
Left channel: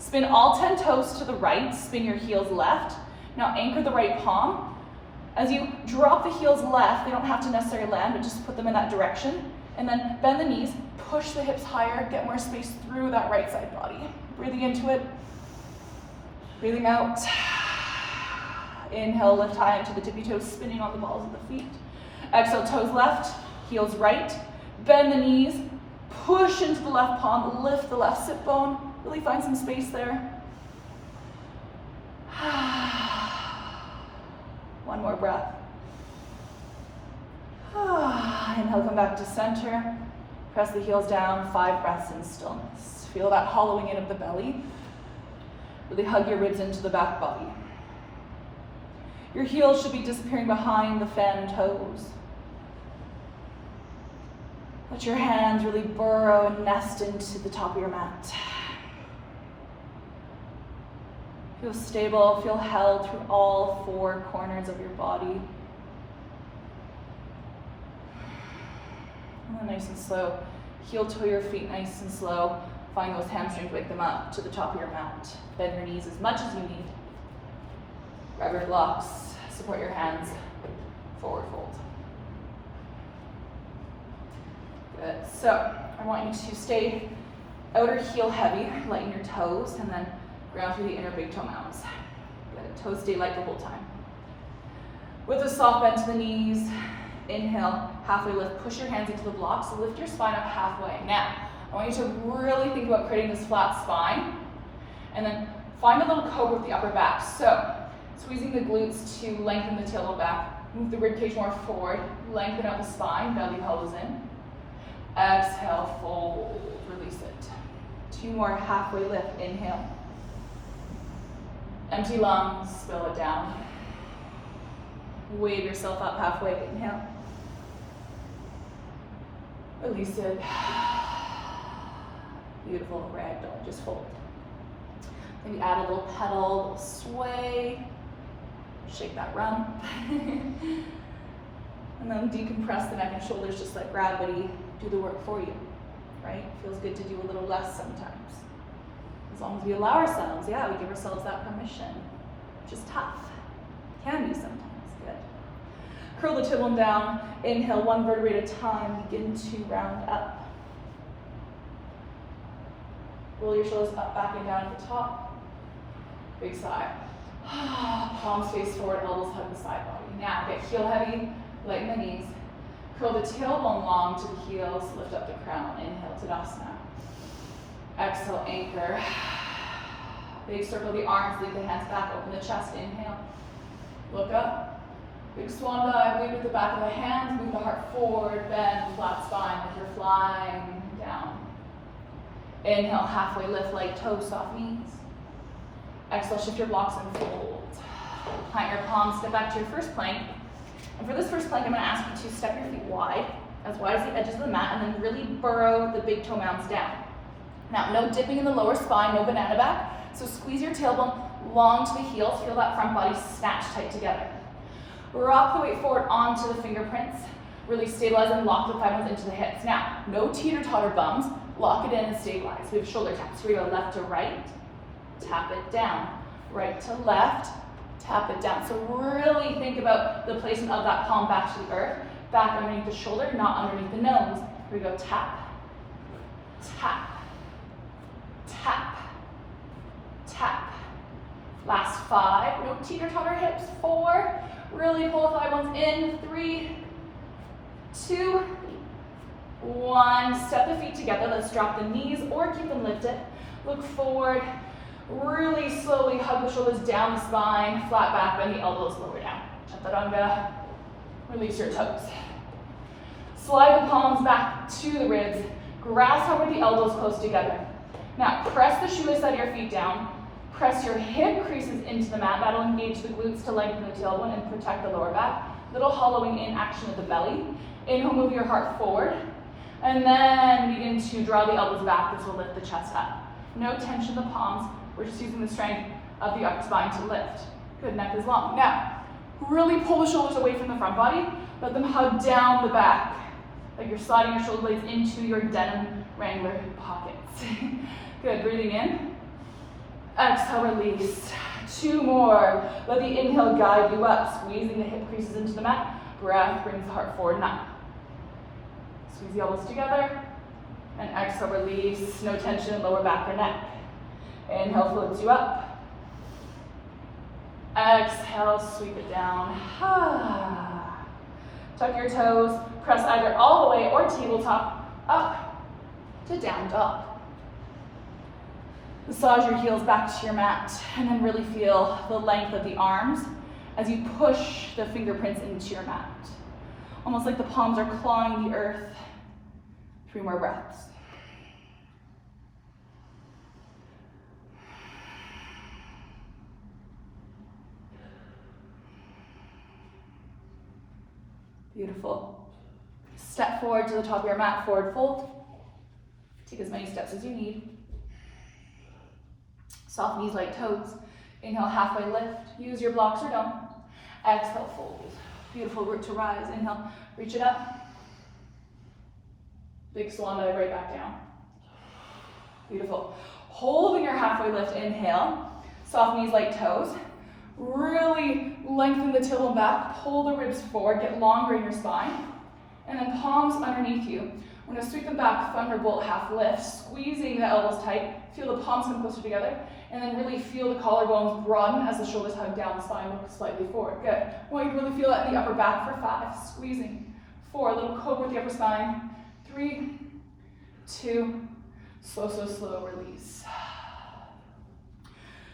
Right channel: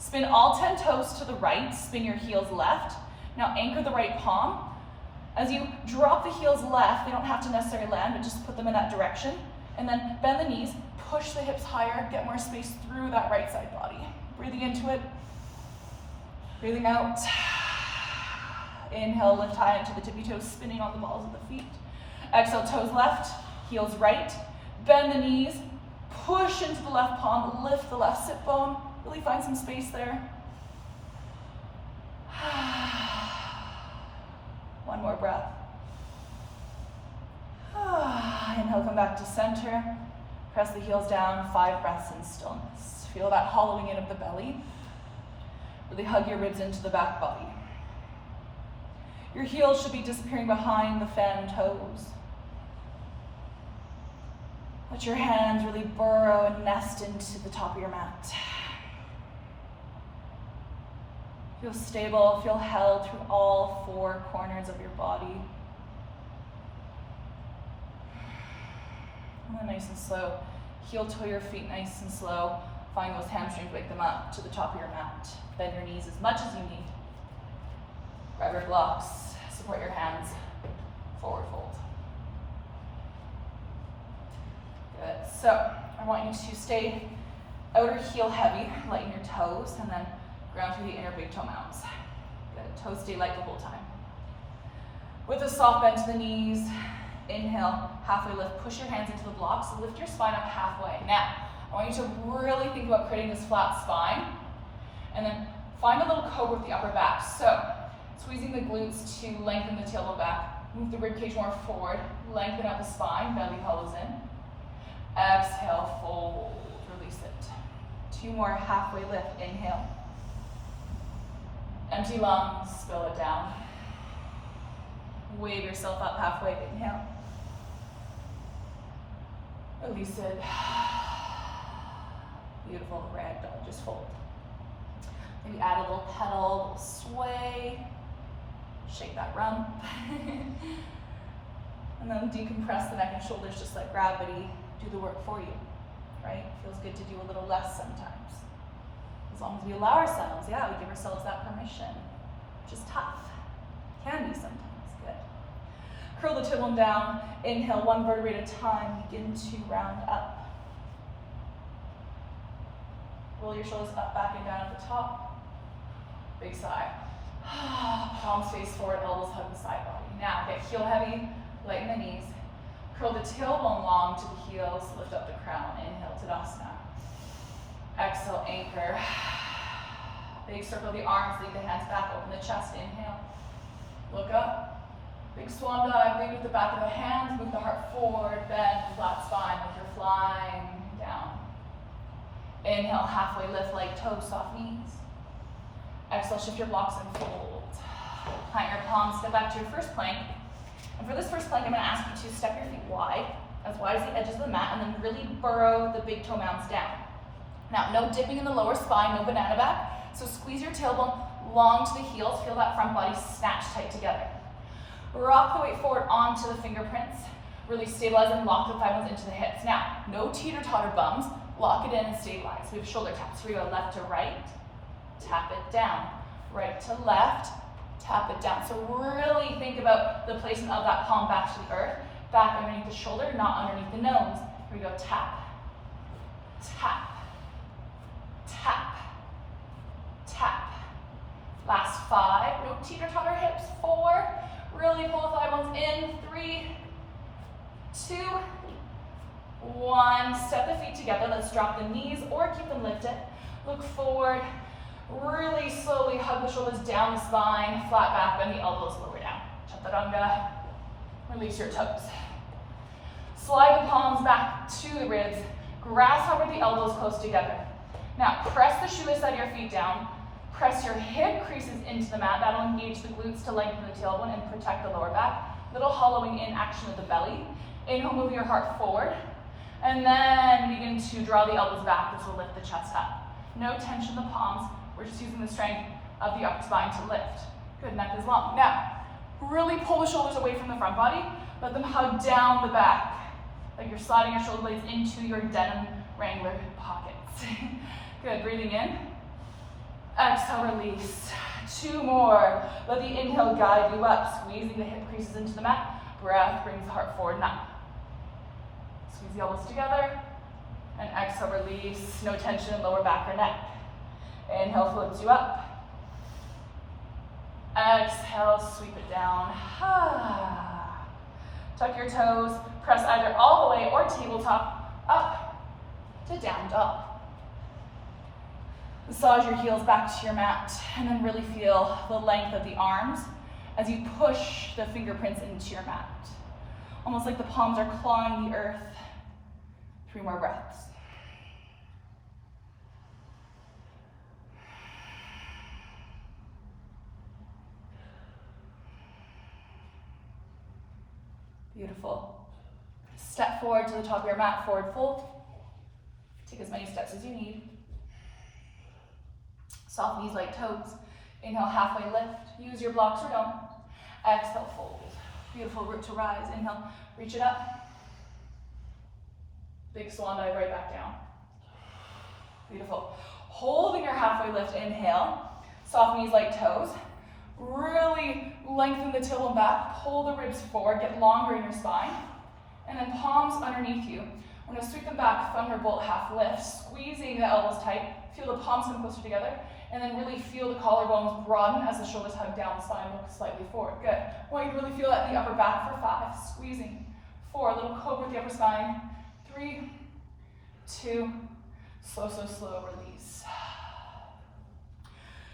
Spin all 10 toes to the right, spin your heels left. Now anchor the right palm. As you drop the heels left, they don't have to necessarily land, but just put them in that direction. And then bend the knees, push the hips higher, get more space through that right side body. Breathing into it, breathing out. Inhale, lift high into the tippy toes, spinning on the balls of the feet. Exhale, toes left, heels right. Bend the knees, push into the left palm, lift the left sit bone. Really find some space there. One more breath. Inhale, come back to center. Press the heels down, 5 breaths in stillness. Feel that hollowing in of the belly. Really hug your ribs into the back body. Your heels should be disappearing behind the fan toes. Let your hands really burrow and nest into the top of your mat. Feel stable, feel held through all 4 corners of your body. And nice and slow. Heel toe your feet nice and slow. Find those hamstrings, wake them up to the top of your mat. Bend your knees as much as you need. Grab your blocks, support your hands, forward fold. Good, so I want you to stay outer heel heavy, lighten your toes, and then ground through the inner big toenails. Good, toes stay light the whole time. With a soft bend to the knees, inhale, halfway lift, push your hands into the blocks, so lift your spine up halfway. Now, I want you to really think about creating this flat spine, and then find a little cobra with the upper back. So, squeezing the glutes to lengthen the tailbone back, Move the ribcage more forward. Lengthen out the spine, belly pelvis in. Exhale, fold, release it. 2 more, halfway lift, inhale. Empty lungs, spill it down. Wave yourself up halfway, inhale. Release it. Beautiful, ragdoll, just fold. Maybe add a little pedal, a little sway. Shake that rump. And then decompress the neck and shoulders, just let gravity do the work for you, right? Feels good to do a little less sometimes. As long as we allow ourselves, yeah, we give ourselves that permission, which is tough. Can be sometimes, good. Curl the tailbone down, inhale 1 vertebrae at a time, begin to round up. Roll your shoulders up, back, and down at the top. Big sigh. Palms face forward, elbows hug the side body. Now get heel heavy, lighten the knees. Curl the tailbone long to the heels, lift up the crown, inhale Tadasana. Exhale, anchor. Big circle the arms, lead the hands back, open the chest, inhale. Look up. Big swan dive, lead with the back of the hands, move the heart forward, bend, flat spine like you're flying down. Inhale, halfway lift, light toes, soft knees. Exhale, shift your blocks and fold. Plant your palms, step back to your first plank. And for this first plank, I'm going to ask you to step your feet wide as the edges of the mat, and then really burrow the big toe mounds down. Now, no dipping in the lower spine, no banana back. So squeeze your tailbone long to the heels, feel that front body snatch tight together. Rock the weight forward onto the fingerprints. Really stabilize and lock the thigh bones into the hips. Now, no teeter-totter bums. Lock it in and stabilize. We have shoulder taps. So we go left to right, tap it down. Right to left, tap it down. So really think about the placement of that palm back to the earth, back underneath the shoulder, not underneath the nose. Here we go, tap, tap, tap, tap. Last 5, no teeter-totter hips. 4, really pull the thigh bones in. 3, 2, 1. Step the feet together. Let's drop the knees or keep them lifted. Look forward. Really slowly hug the shoulders down the spine, flat back, bend the elbows lower down. Chaturanga. Release your toes. Slide the palms back to the ribs. Grasshopper the elbows close together. Now press the shoelace out of your feet down. Press your hip creases into the mat. That'll engage the glutes to lengthen the tailbone and protect the lower back. Little hollowing in action of the belly. Inhale, move your heart forward. And then begin to draw the elbows back. This will lift the chest up. No tension in the palms. We're just using the strength of the upper spine to lift. Good, neck is long. Now, really pull the shoulders away from the front body. Let them hug down the back. Like you're sliding your shoulder blades into your denim Wrangler pockets. Good, breathing in. Exhale, release. 2 more. Let the inhale guide you up, squeezing the hip creases into the mat. Breath brings the heart forward and up. Squeeze the elbows together. And exhale, release. No tension in lower back or neck. Inhale, floats you up. Exhale, sweep it down. Tuck your toes. Press either all the way or tabletop up to down dog. Massage your heels back to your mat and then really feel the length of the arms as you push the fingerprints into your mat. Almost like the palms are clawing the earth. 3 more breaths. Beautiful. Step forward to the top of your mat, forward fold. Take as many steps as you need. Soft knees, light toes. Inhale, halfway lift. Use your blocks or don't. Exhale, fold. Beautiful, root to rise. Inhale, reach it up. Big swan dive right back down. Beautiful. Holding your halfway lift, inhale. Soft knees, light toes. Really lengthen the tailbone back. Pull the ribs forward. Get longer in your spine. And then palms underneath you. I'm going to sweep them back, thunderbolt, half lift. Squeezing the elbows tight. Feel the palms come closer together. And then really feel the collarbones broaden as the shoulders hug down the spine, look slightly forward. Good. I want you to really feel that in the upper back for 5. Squeezing. 4, little cobra with the upper spine. 3, 2, slow, release.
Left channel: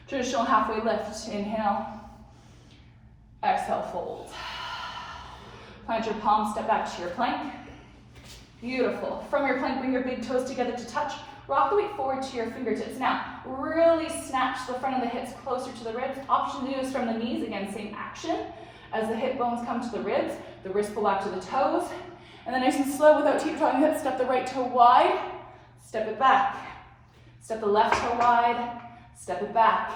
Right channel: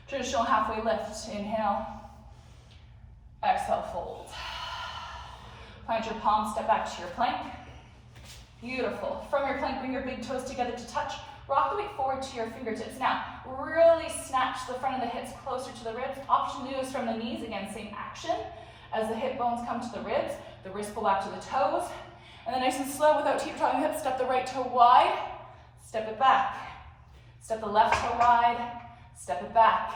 Traditional halfway lift. Inhale. Exhale, fold. plant your palms, step back to your plank. Beautiful. From your plank, bring your big toes together to touch. Rock the weight forward to your fingertips. Now, really snatch the front of the hips closer to the ribs. Option to do is from the knees. Again, same action. As the hip bones come to the ribs, the wrists pull back to the toes. And then nice and slow, without teeter-tottering the hips, step the right toe wide, step it back. Step the left toe wide, step it back.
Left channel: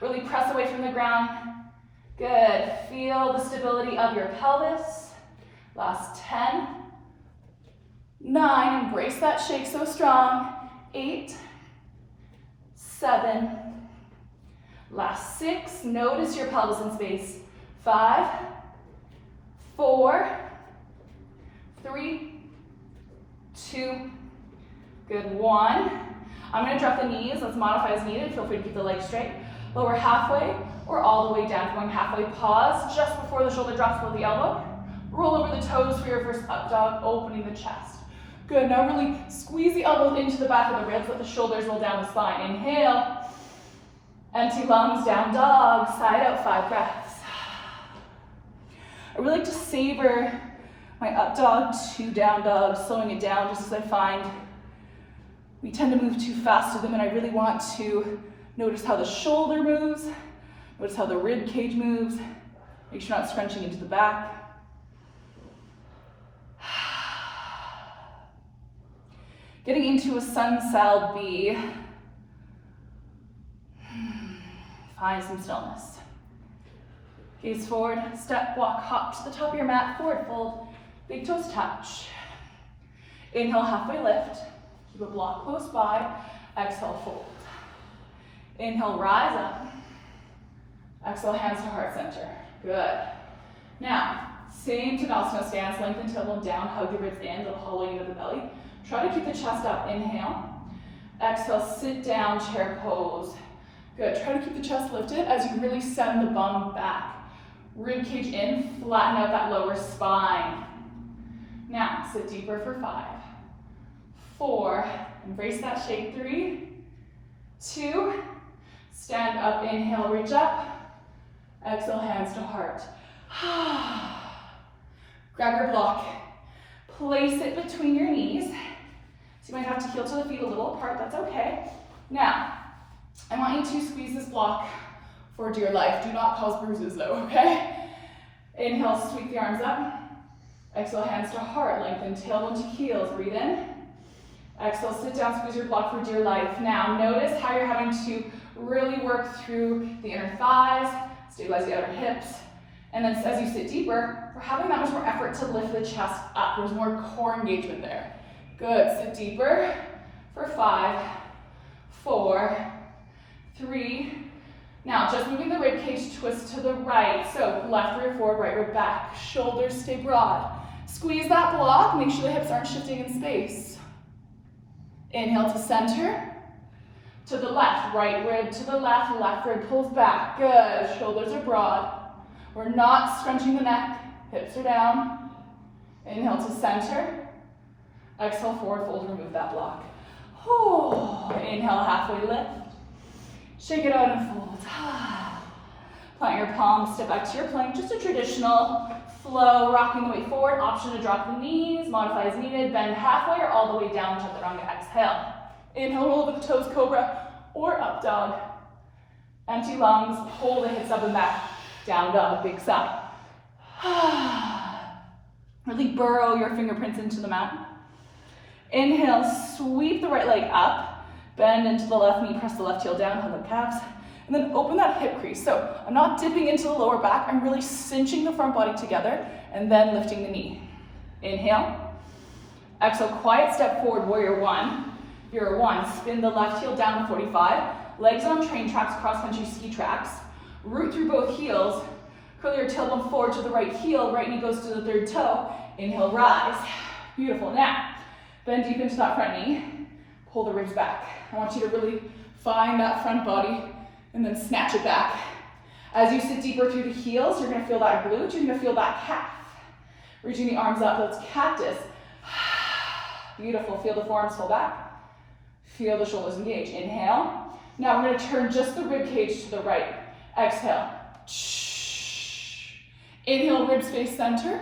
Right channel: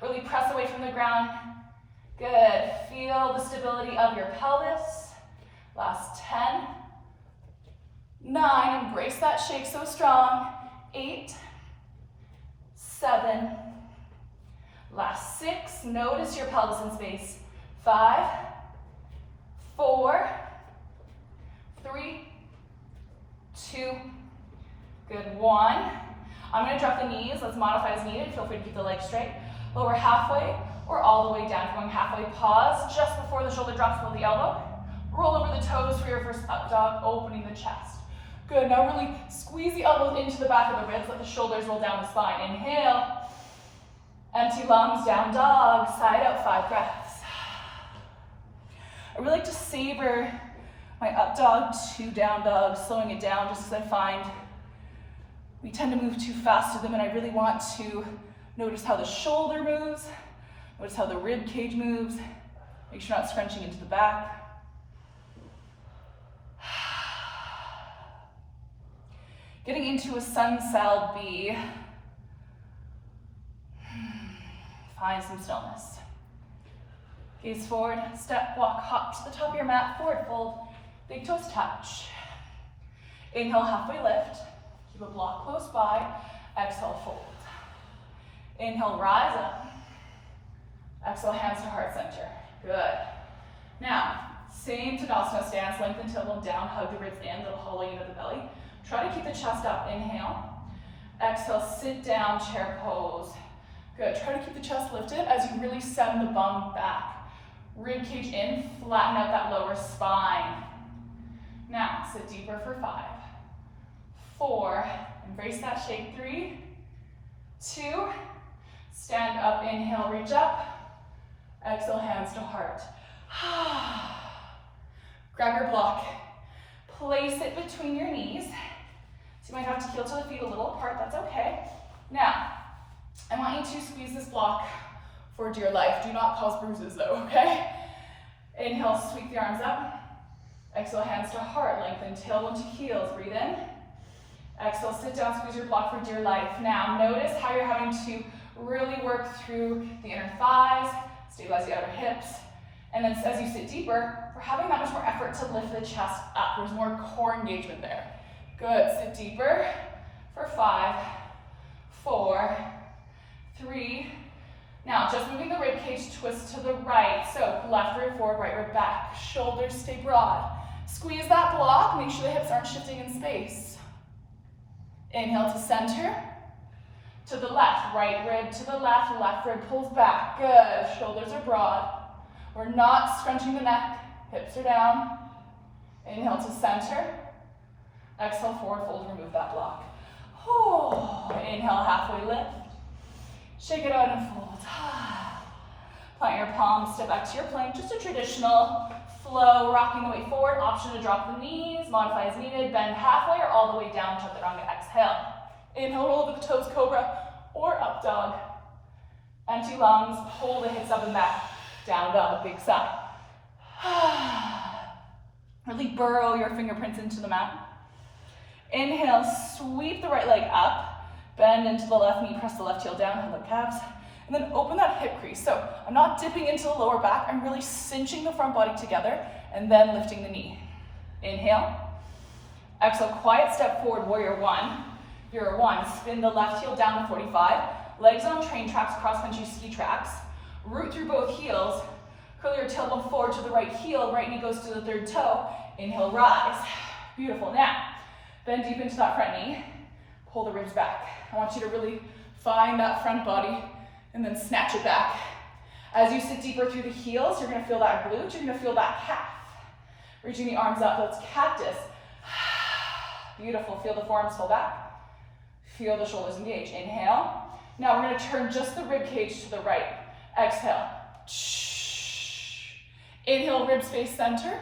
Really press away from the ground. Good. Feel the stability of your pelvis. Last 10. 9, embrace that shake so strong. 8, 7, last 6, notice your pelvis in space. 5, 4, 3, 2, good, 1. I'm gonna drop the knees, let's modify as needed. Feel free to keep the legs straight. Lower halfway or all the way down. Going halfway, pause just before the shoulder drops below the elbow. Roll over the toes for your first up dog, opening the chest. Good, now really squeeze the elbows into the back of the ribs, let the shoulders roll down the spine. Inhale, empty lungs, down dog, side out, 5 breaths. I really like to savor my up dog to down dog, slowing it down just because I find we tend to move too fast to them, and I really want to notice how the shoulder moves, notice how the rib cage moves, make sure you're not scrunching into the back. Getting into a sun sal B. Find some stillness. Gaze forward, step, walk, hop to the top of your mat, forward fold, big toes touch. Inhale, halfway lift. Keep a block close by. Exhale, fold. Inhale, rise up. Exhale, hands to heart center. Good. Now, same Tadasana stance, lengthen tailbone down, hug the ribs in, little hollowing of the belly. Try to keep the chest up, inhale. Exhale, sit down, chair pose. Good, try to keep the chest lifted as you really send the bum back. Rib cage in, flatten out that lower spine. Now, sit deeper for 5, 4, embrace that shake, 3, 2, stand up, inhale, reach up. Exhale, hands to heart. Grab your block, place it between your knees. So you might have to heel to the feet a little apart, that's okay. Now, I want you to squeeze this block for dear life. Do not cause bruises though, okay? Inhale, sweep the arms up. Exhale, hands to heart, lengthen tailbone to heels, breathe in. Exhale, sit down, squeeze your block for dear life. Now, notice how you're having to really work through the inner thighs, stabilize the outer hips, and then as you sit deeper, we're having that much more effort to lift the chest up. There's more core engagement there. Good, sit deeper for 5, 4, 3. Now, just moving the rib cage, twist to the right. So left rear forward, right rear back. Shoulders stay broad. Squeeze that block, make sure the hips aren't shifting in space. Inhale to center, to the left, right rib to the left rib pulls back. Good, shoulders are broad. We're not scrunching the neck, hips are down. Inhale to center. Exhale, forward fold, remove that block. Inhale, halfway lift. Shake it out and fold. Plant your palms, step back to your plank. Just a traditional flow, rocking the weight forward. Option to drop the knees, modify as needed. Bend halfway or all the way down to the exhale. Inhale, roll with the toes, cobra or up dog. Empty lungs, pull the hips up and back. Down dog, big sigh. Really burrow your fingerprints into the mat. Inhale, sweep the right leg up. Bend into the left knee, press the left heel down, hug the calves. And then open that hip crease. So I'm not dipping into the lower back, I'm really cinching the front body together and then lifting the knee. Inhale. Exhale, quiet step forward, warrior 1. You're 1, spin the left heel down 45. Legs on train tracks, cross-country ski tracks. Root through both heels. Curl your tailbone forward to the right heel, right knee goes to the third toe. Inhale, rise. Beautiful. Now, bend deep into that front knee. Pull the ribs back. I want you to really find that front body and then snatch it back. As you sit deeper through the heels, you're gonna feel that glute, you're gonna feel that calf. Reaching the arms up, let's cactus. Beautiful, feel the forearms pull back. Feel the shoulders engage, inhale. Now we're gonna turn just the rib cage to the right. Exhale. Inhale, rib space center.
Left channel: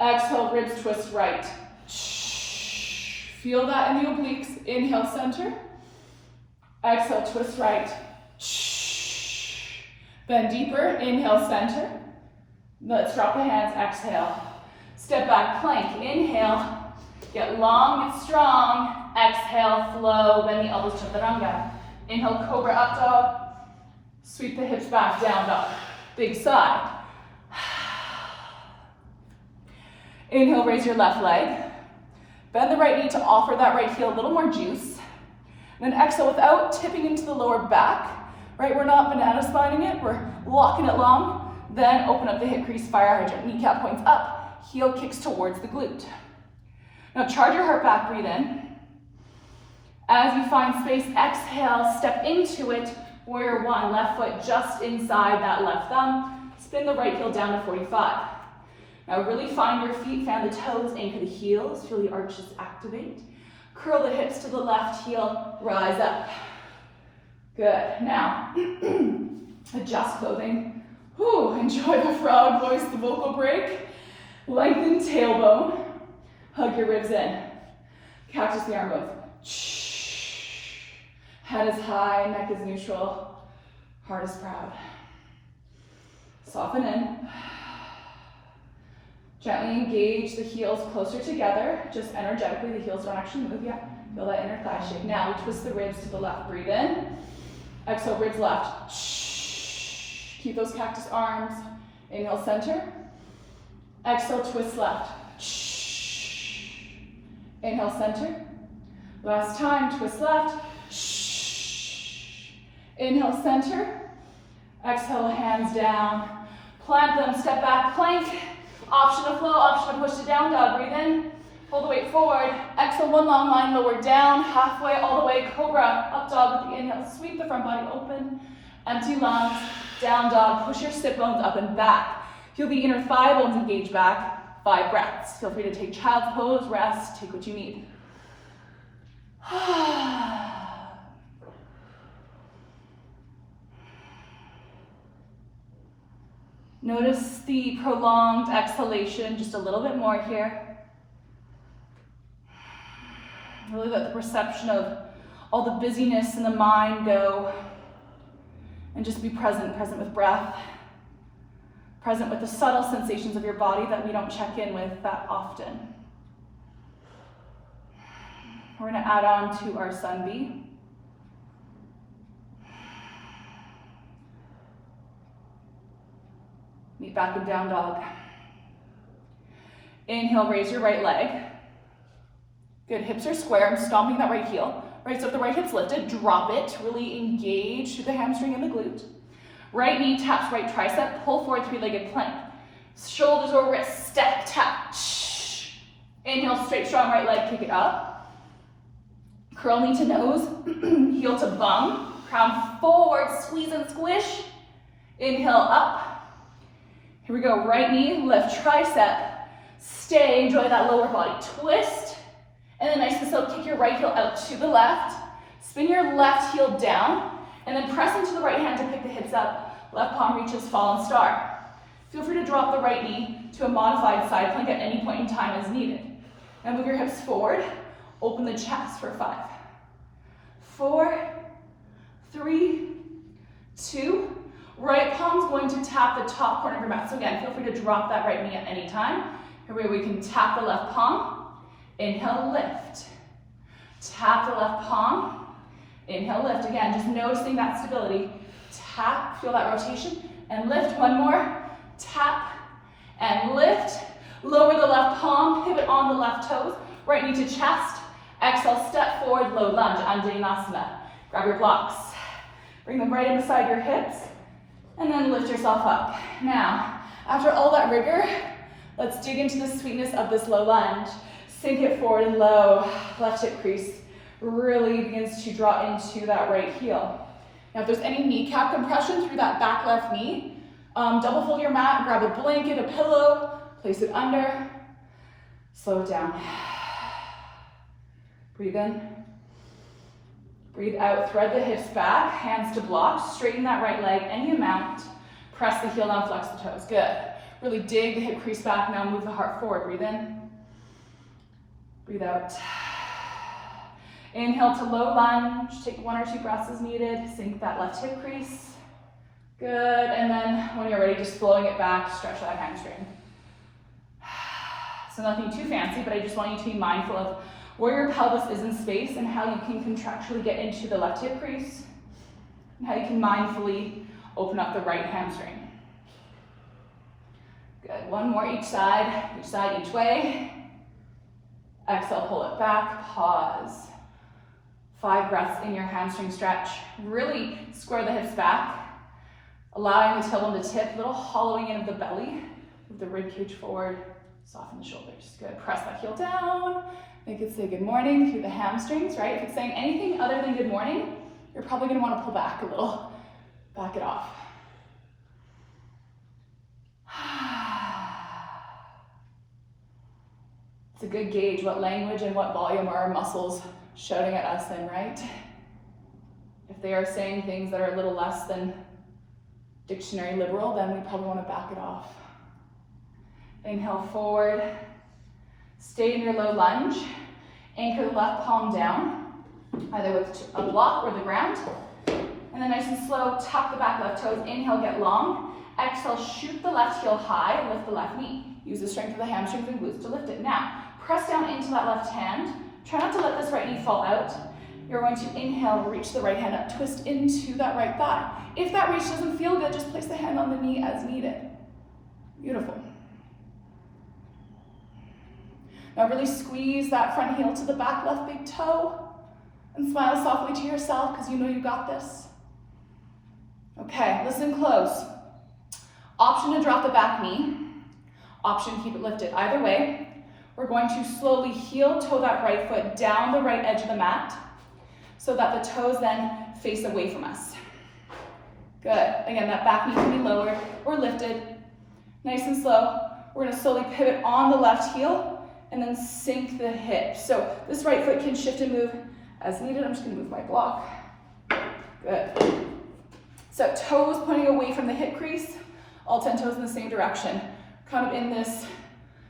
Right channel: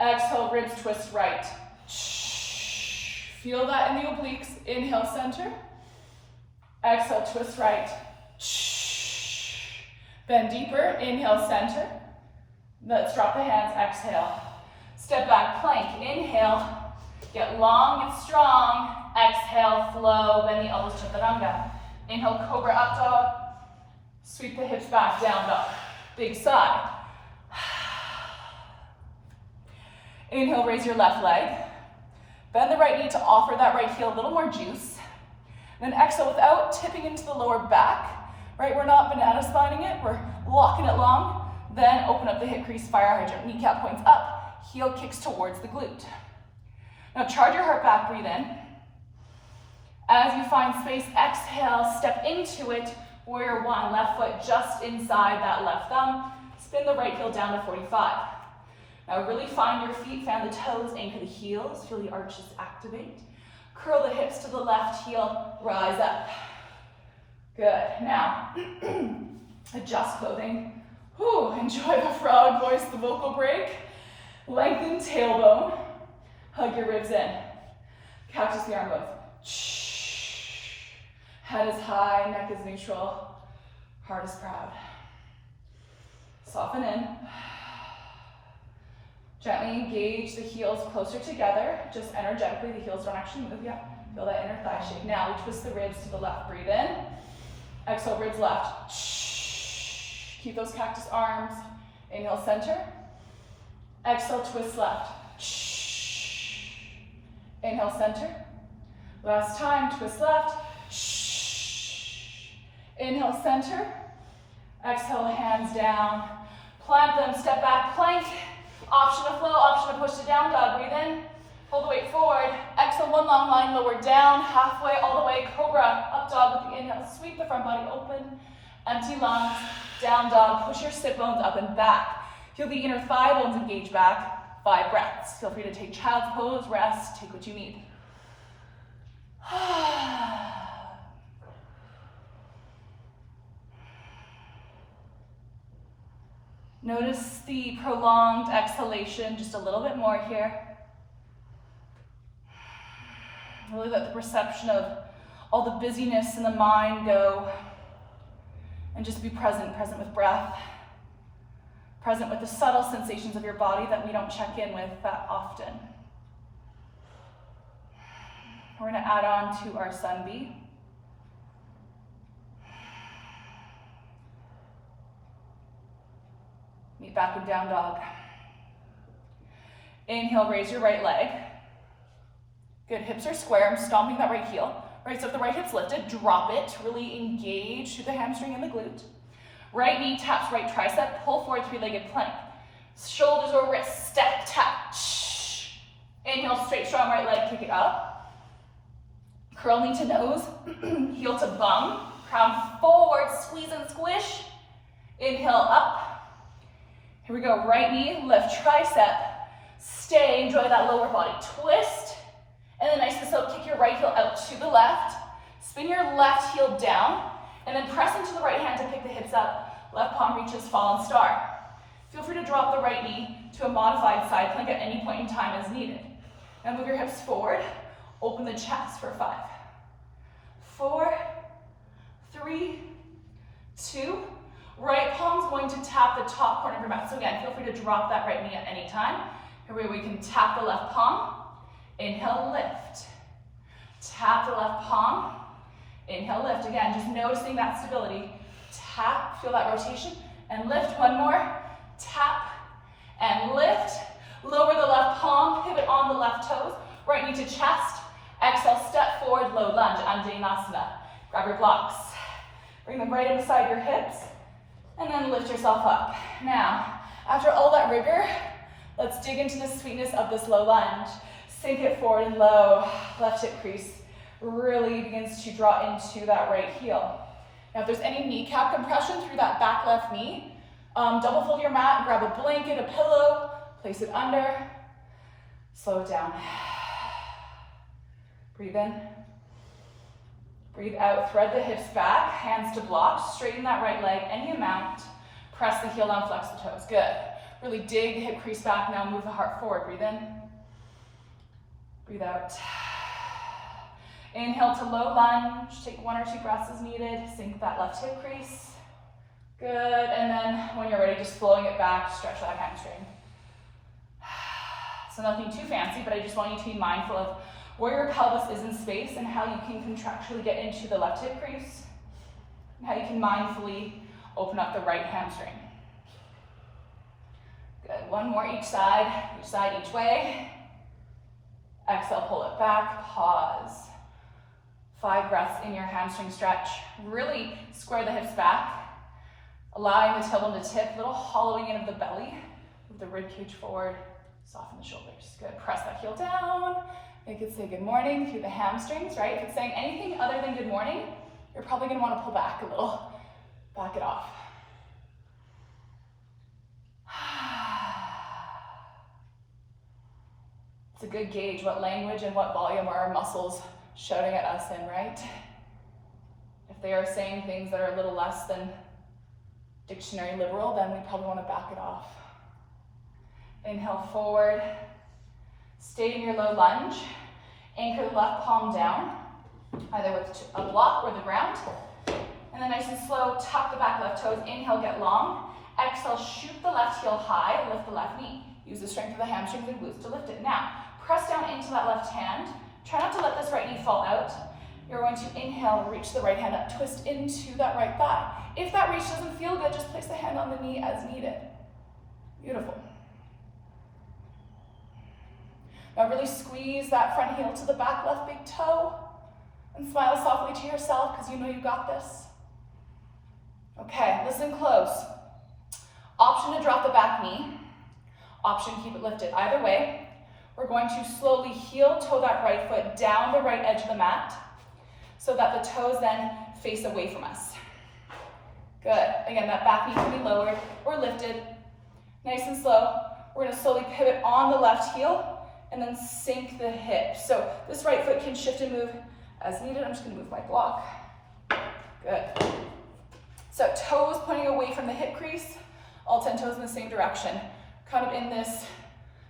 Exhale, ribs twist right. Feel that in the obliques. Inhale, center. Exhale, twist right. Bend deeper. Inhale, center. Let's drop the hands. Exhale. Step back, plank. Inhale. Get long, get strong. Exhale, flow. Bend the elbows, chaturanga. Inhale, cobra, up dog. Sweep the hips back, down dog. Big sigh. Inhale, raise your left leg. Bend the right knee to offer that right heel a little more juice. And then exhale without tipping into the lower back. Right, we're not banana spining it, we're locking it long. Then open up the hip crease, fire hydrant. Kneecap points up, heel kicks towards the glute. Now charge your heart back, breathe in. As you find space, exhale, step into it. Warrior one, left foot just inside that left thumb. Spin the right heel down to 45. Now really find your feet, fan the toes, anchor the heels, feel the arches activate. Curl the hips to the left heel, rise up. Good, now, adjust clothing. Whew, enjoy the frog voice, the vocal break. Lengthen tailbone, hug your ribs in. Cactus the arm move. Head is high, neck is neutral, heart is proud. Soften in. Gently engage the heels closer together, just energetically, the heels don't actually move yet. Feel that inner thigh shake. Now we twist the ribs to the left, breathe in. Exhale, ribs left. Keep those cactus arms. Inhale, center. Exhale, twist left. Inhale, center. Last time, twist left. Inhale, center. Exhale, hands down. Plant them, step back, plank. Option to flow, option to push to down dog. Breathe in, pull the weight forward. Exhale, one long line, lower down, halfway, all the way, cobra. Up dog with the inhale, sweep the front body open. Empty lungs, down dog. Push your sit bones up and back. Feel the inner thigh bones engage back. 5 breaths. Feel free to take child's pose, rest, take what you need. Notice the prolonged exhalation, just a little bit more here. Really let the perception of all the busyness in the mind go. And just be present, present with breath. Present with the subtle sensations of your body that we don't check in with that often. We're going to add on to our sun B. Meet back in down dog. Inhale, raise your right leg. Good, hips are square. I'm stomping that right heel. Right, so if the right hip's lifted, drop it. Really engage through the hamstring and the glute. Right knee taps right tricep. Pull forward, 3-legged plank. Shoulders or wrists, step, tap. Inhale, straight, strong right leg, kick it up. Curl knee to nose, heel to bum. Crown forward, squeeze and squish. Inhale, up. Here we go, right knee, lift tricep. Stay, enjoy that lower body twist. And then nice and slow, kick your right heel out to the left. Spin your left heel down. And then press into the right hand to pick the hips up. Left palm reaches fallen star. Feel free to drop the right knee to a modified side plank at any point in time as needed. Now move your hips forward. Open the chest for 5, 4, 3, 2. Right palm's going to tap the top corner of your mat. So again, feel free to drop that right knee at any time. Here we can tap the left palm. Inhale, lift. Tap the left palm. Inhale, lift. Again, just noticing that stability. Tap, feel that rotation. And lift, one more. Tap and lift. Lower the left palm, pivot on the left toes. Right knee to chest. Exhale, step forward, low lunge, Anjaneyasana. Grab your blocks. Bring them right in beside your hips. And then lift yourself up. Now, after all that rigor, let's dig into the sweetness of this low lunge. Sink it forward and low. Left hip crease really begins to draw into that right heel. Now, if there's any kneecap compression through that back left knee, double fold your mat, grab a blanket, a pillow, place it under, slow it down. Breathe in. Breathe out, thread the hips back, hands to blocks, straighten that right leg any amount. Press the heel down, flex the toes, good. Really dig the hip crease back. Now move the heart forward. Breathe in. Breathe out. Inhale to low lunge. Take 1 or 2 breaths as needed. Sink that left hip crease. Good. And then when you're ready, just flowing it back, stretch that hamstring. So nothing too fancy, but I just want you to be mindful of where your pelvis is in space and how you can contractually get into the left hip crease, and how you can mindfully open up the right hamstring. Good. 1 more each side, each way. Exhale, pull it back, pause. 5 breaths in your hamstring stretch. Really square the hips back, allowing the tailbone to tip, little hollowing in of the belly, with the rib cage forward, soften the shoulders. Good. Press that heel down. Make it say good morning through the hamstrings, right? If it's saying anything other than good morning, you're probably going to want to pull back a little. Back it off. It's a good gauge what language and what volume are our muscles shouting at us then, right? If they are saying things that are a little less than dictionary liberal, then we probably want to back it off. Inhale forward. Stay in your low lunge. Anchor the left palm down, either with a block or the ground. And then nice and slow, tuck the back left toes. Inhale, get long. Exhale, shoot the left heel high, lift the left knee. Use the strength of the hamstrings and glutes to lift it. Now, press down into that left hand. Try not to let this right knee fall out. You're going to inhale, reach the right hand up, twist into that right thigh. If that reach doesn't feel good, just place the hand on the knee as needed. Beautiful. Now really squeeze that front heel to the back left big toe and smile softly to yourself because you know you got this. Okay, listen close. Option to drop the back knee. Option to keep it lifted. Either way, we're going to slowly heel toe that right foot down the right edge of the mat so that the toes then face away from us. Good. Again, that back knee can be lowered or lifted. Nice and slow. We're going to slowly pivot on the left heel and then sink the hips. So this right foot can shift and move as needed. I'm just going to move my block. Good. So toes pointing away from the hip crease, all 10 toes in the same direction. Come in this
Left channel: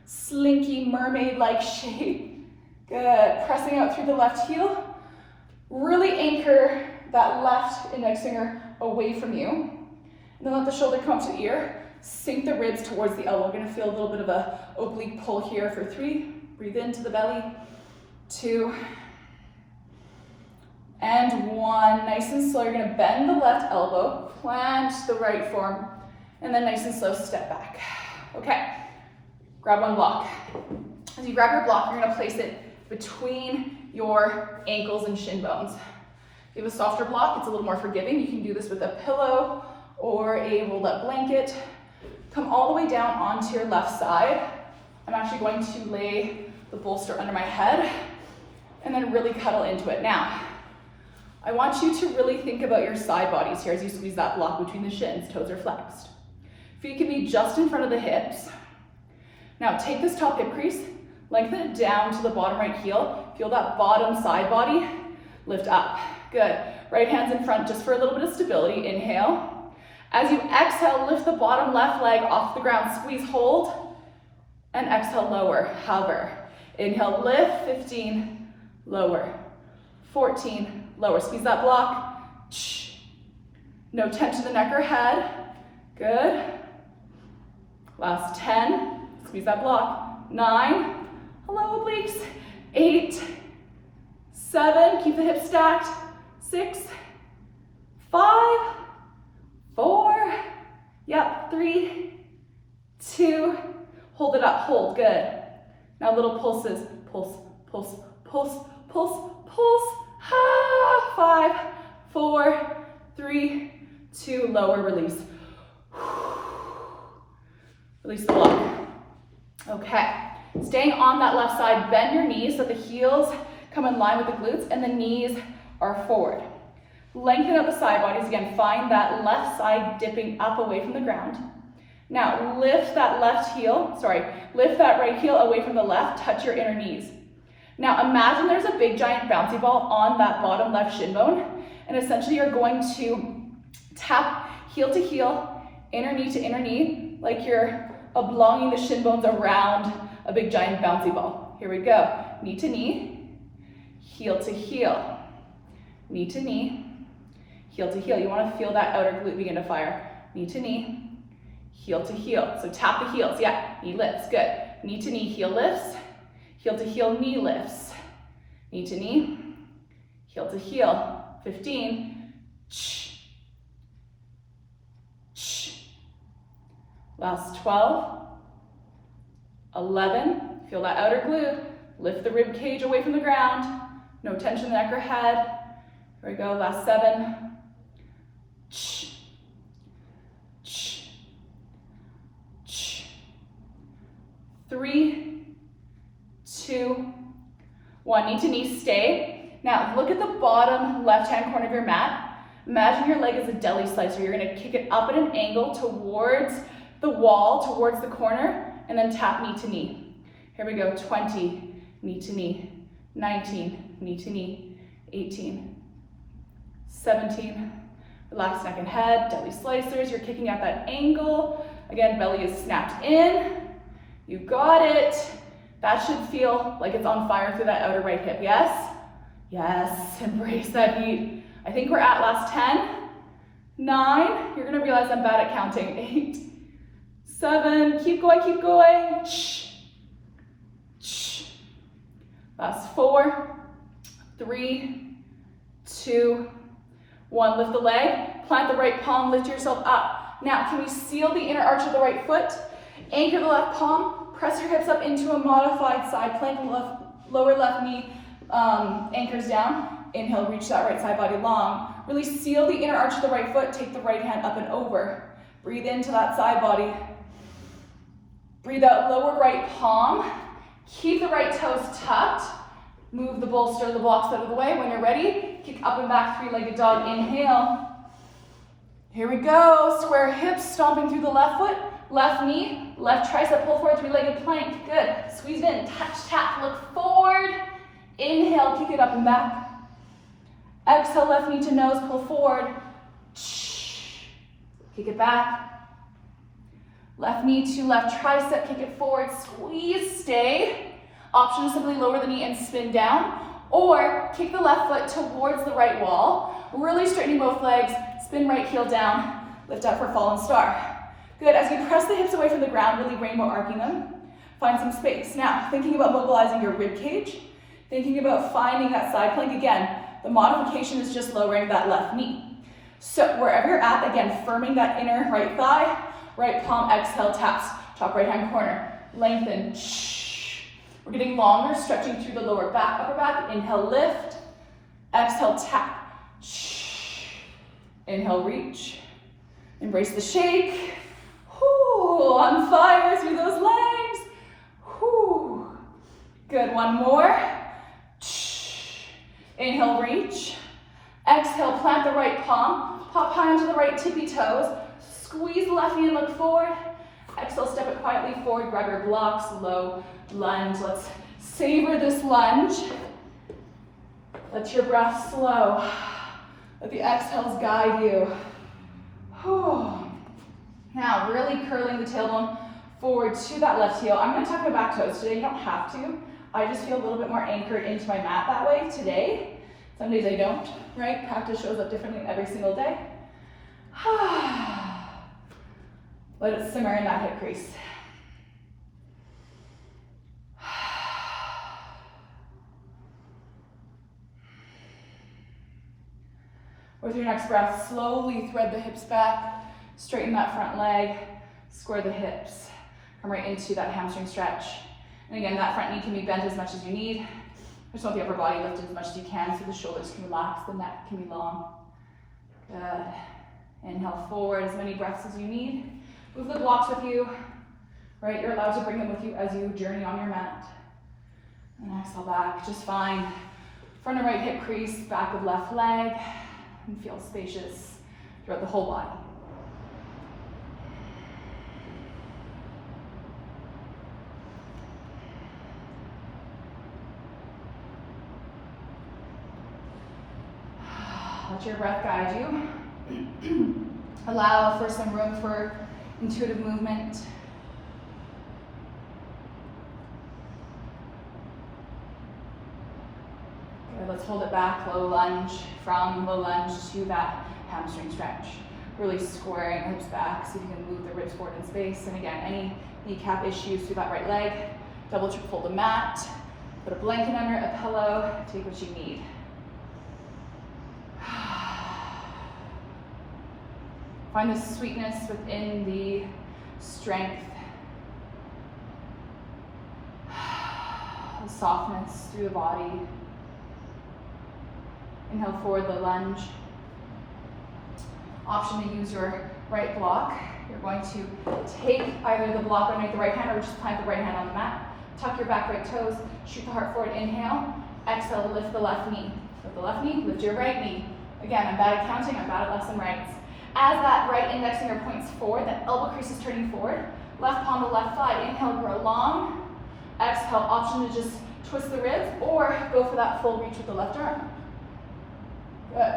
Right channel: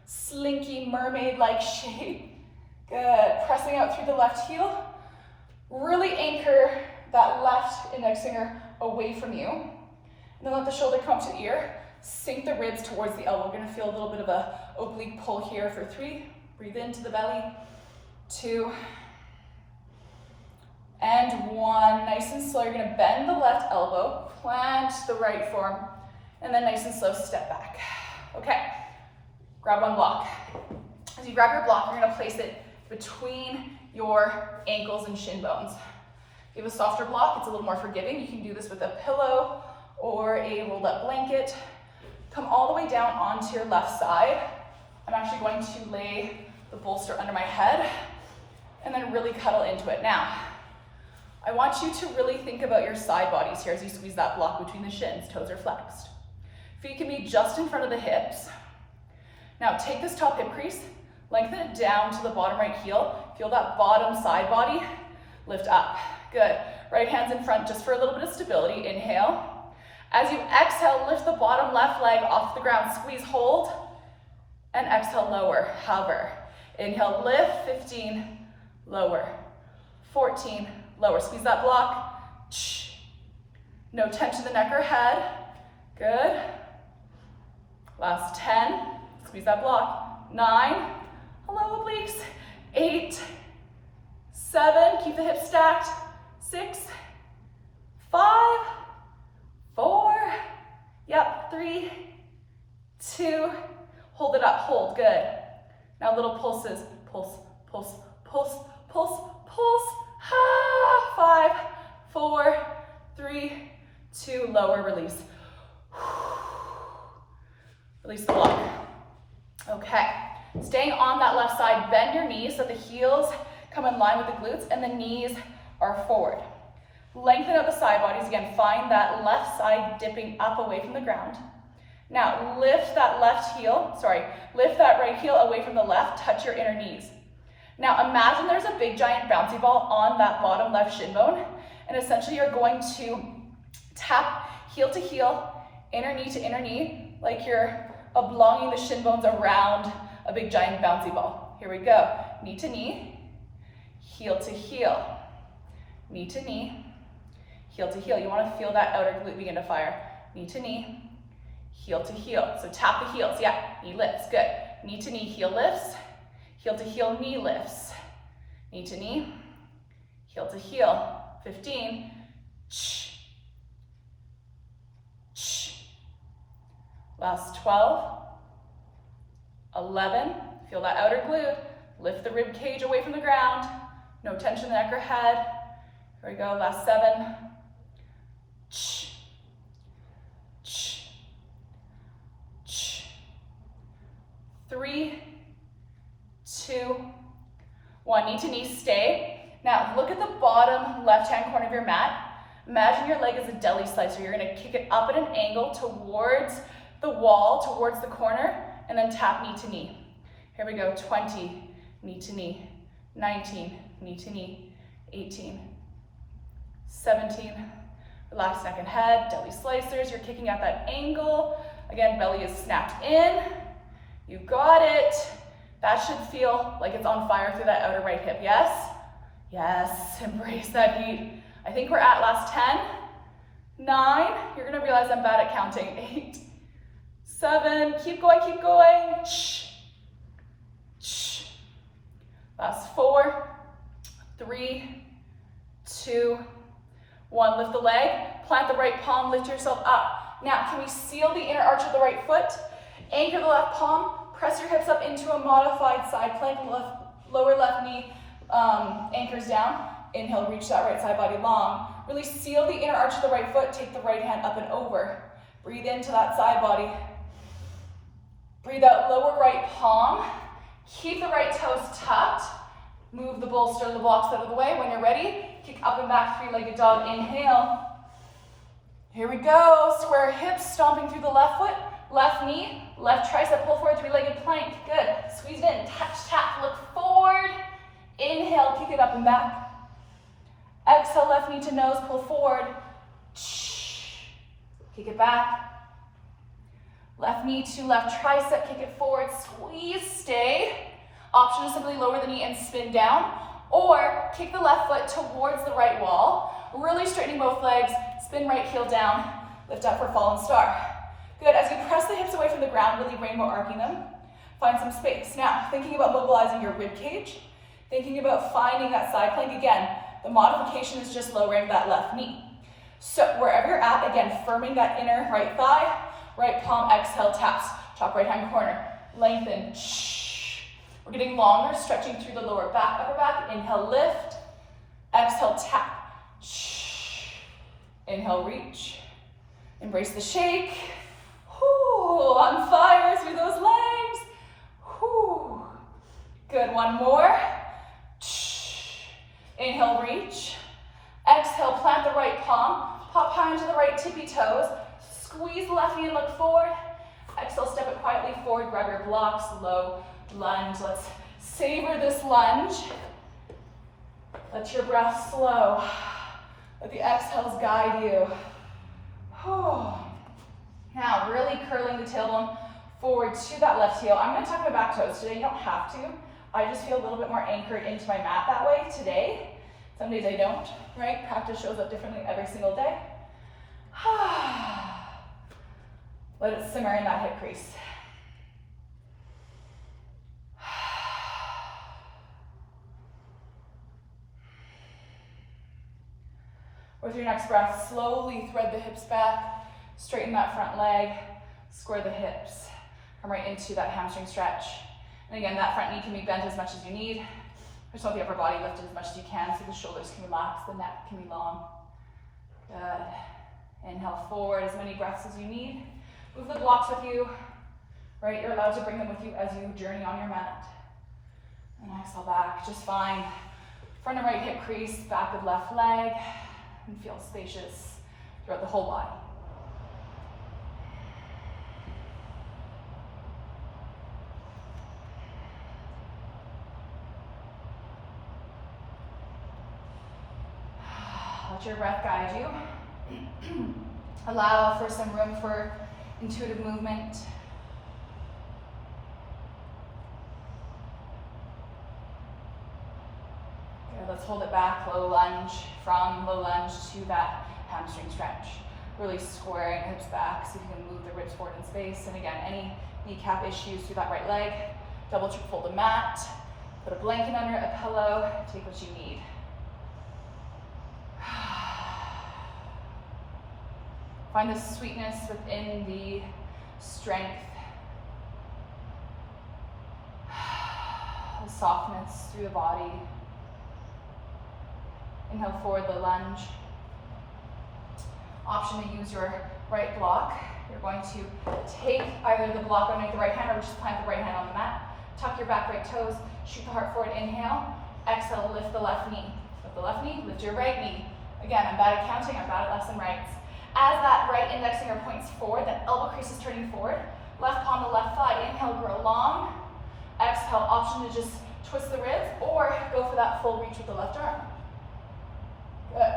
slinky mermaid-like shape. Good. Pressing out through the left heel. Really anchor that left index finger away from you. And then let the shoulder come to ear. Sink the ribs towards the elbow. We're going to feel a little bit of a oblique pull here for 3. Breathe into the belly. 2. And 1. Nice and slow. You're going to bend the left elbow, plant the right form, and then nice and slow step back. Okay. Grab one block. As you grab your block, you're going to place it between your ankles and shin bones. If you have a softer block, it's a little more forgiving. You can do this with a pillow or a rolled up blanket. Come all the way down onto your left side. I'm actually going to lay the bolster under my head and then really cuddle into it. Now, I want you to really think about your side bodies here as you squeeze that block between the shins. Toes are flexed. Feet can be just in front of the hips. Now, take this top hip crease, lengthen it down to the bottom right heel. Feel that bottom side body lift up. Good. Right hand's in front just for a little bit of stability. Inhale. As you exhale, lift the bottom left leg off the ground. Squeeze, hold, and exhale, lower, hover. Inhale, lift, 15, lower, 14, lower. Squeeze that block. No tension in the neck or head. Good. Last 10. Squeeze that block. 9. Hello, obliques. 8. 7. Keep the hips stacked. 6. 5. 4. Yep. 3. 2. Hold it up. Hold. Good. Now little pulses. Pulse, pulse, pulse, pulse, pulse. 5. 4. 3. 2. Lower. Release. Release the block. Okay. Staying on that left side, bend your knees so the heels come in line with the glutes and the knees are forward. Lengthen out the side bodies. Again, find that left side dipping up away from the ground. Now, lift that right heel away from the left, touch your inner knees. Now, imagine there's a big giant bouncy ball on that bottom left shin bone, and essentially you're going to tap heel to heel, inner knee to inner knee, like you're oblonging the shin bones around a big giant bouncy ball. Here we go. Knee to knee, heel to heel, knee to knee, heel to heel. You want to feel that outer glute begin to fire. Knee to knee, heel to heel. So tap the heels, yeah, knee lifts, good. Knee to knee, heel lifts, heel to heel, knee lifts. Knee to knee, heel to heel. 15. Last 12. 11. Feel that outer glute. Lift the rib cage away from the ground. No tension in the neck or head. Here we go, last 7. 3, 2, 1. Knee to knee, stay. Now look at the bottom left-hand corner of your mat. Imagine your leg is a deli slicer. You're gonna kick it up at an angle towards the wall, towards the corner, and then tap knee to knee. Here we go, 20, knee to knee, 19, knee to knee, 18, 17, relax neck and head, deli slicers, you're kicking at that angle. Again, belly is snapped in. You got it. That should feel like it's on fire through that outer right hip, yes? Yes, embrace that heat. I think we're at last 10, 9, you're gonna realize I'm bad at counting, 8, 7, keep going, keep going. Last 4, 3, 2, 1. Lift the leg, plant the right palm, lift yourself up. Now, can you seal the inner arch of the right foot? Anchor the left palm, press your hips up into a modified side plank, lower left knee anchors down. Inhale, reach that right side body long. Really seal the inner arch of the right foot, take the right hand up and over. Breathe into that side body. Breathe out, lower right palm. Keep the right toes tucked. Move the bolster, the blocks out of the way. When you're ready, kick up and back, three-legged dog. Inhale. Here we go. Square hips, stomping through the left foot. Left knee, left tricep, pull forward, three-legged plank. Good. Squeeze in, touch, tap, look forward. Inhale, kick it up and back. Exhale, left knee to nose, pull forward. Kick it back. Left knee to left tricep, kick it forward, squeeze, stay. Option is simply lower the knee and spin down, or kick the left foot towards the right wall, really straightening both legs, spin right heel down, lift up for fallen star. Good, as you press the hips away from the ground, really rainbow arcing them, find some space. Now, thinking about mobilizing your rib cage, thinking about finding that side plank. Again, the modification is just lowering that left knee. So wherever you're at, again, firming that inner right thigh, right palm, exhale, taps, top right hand corner, lengthen, We're getting longer, stretching through the lower back, upper back. Inhale, lift, exhale, tap, inhale, reach, embrace the shake. Whew, on fire through those legs. Whew. Good, one more. Inhale, reach. Exhale, plant the right palm. Hop high onto the right tippy toes. Squeeze the left knee and look forward. Exhale, step it quietly forward. Grab your blocks, low lunge. Let's savor this lunge. Let your breath slow. Let the exhales guide you. Whew. Now, really curling the tailbone forward to that left heel. I'm going to tuck my back toes today. You don't have to. I just feel a little bit more anchored into my mat that way today. Some days I don't, right? Practice shows up differently every single day. Let it simmer in that hip crease. With your next breath, slowly thread the hips back, straighten that front leg, square the hips, come right into that hamstring stretch. And again, that front knee can be bent as much as you need. Just want the upper body lifted as much as you can so the shoulders can relax, the neck can be long. Good. Inhale forward, as many breaths as you need. Move the blocks with you, right? You're allowed to bring them with you as you journey on your mat. And exhale back, just find front of right hip crease, back of left leg, and feel spacious throughout the whole body. Let your breath guide you. Allow for some room for intuitive movement. Let's hold it back, low lunge, from low lunge to that hamstring stretch. Really squaring hips back so you can move the ribs forward in space. And again, any kneecap issues through that right leg, double check, fold the mat, put a blanket under, a pillow, take what you need. Find the sweetness within the strength, the softness through the body. Inhale forward, the lunge. Option to use your right block. You're going to take either the block underneath the right hand or just plant the right hand on the mat. Tuck your back right toes, shoot the heart forward, inhale. Exhale, lift the left knee. With the left knee, lift your right knee. Again, I'm bad at counting, I'm bad at lefts and rights. As that right index finger points forward, that elbow crease is turning forward. Left palm to left thigh. Inhale, grow long. Exhale, option to just twist the ribs or go for that full reach with the left arm. Good.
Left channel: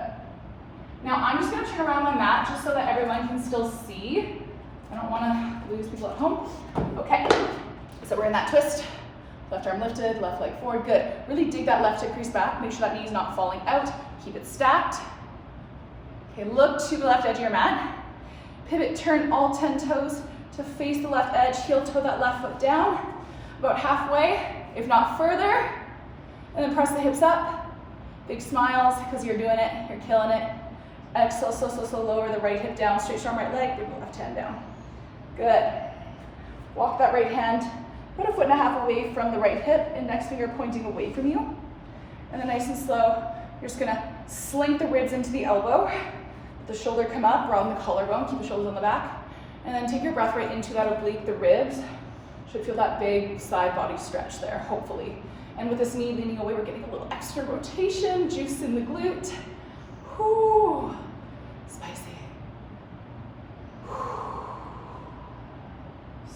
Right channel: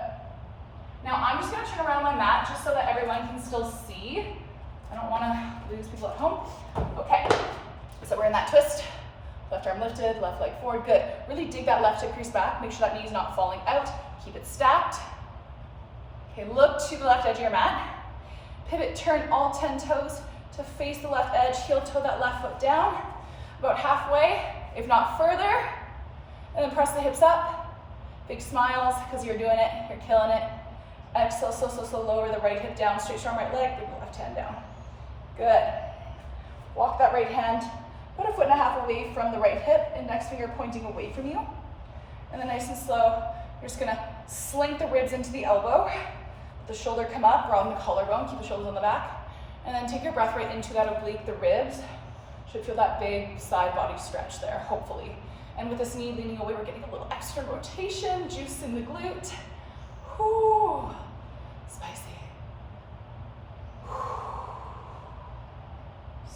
Now I'm just going to turn around my mat just so that everyone can still see. I don't want to lose people at home. Okay, so we're in that twist. Left arm lifted, left leg forward. Good. Really dig that left hip crease back. Make sure that knee's not falling out. Keep it stacked. Okay, look to the left edge of your mat. Pivot, turn all 10 toes to face the left edge. Heel toe that left foot down. About halfway, if not further. And then press the hips up. Big smiles because you're doing it. You're killing it. Exhale, slow, lower the right hip down. Straight arm, right leg. Bring the left hand down. Good. Walk that right hand about a foot and a half away from the right hip. Index finger pointing away from you. And then nice and slow, you're just gonna slink the ribs into the elbow. The shoulder come up, round the collarbone, keep the shoulders on the back. And then take your breath right into that oblique, the ribs. Should feel that big side body stretch there, hopefully. And with this knee leaning away, we're getting a little extra rotation, juice in the glute. Whew. Spicy. Whew.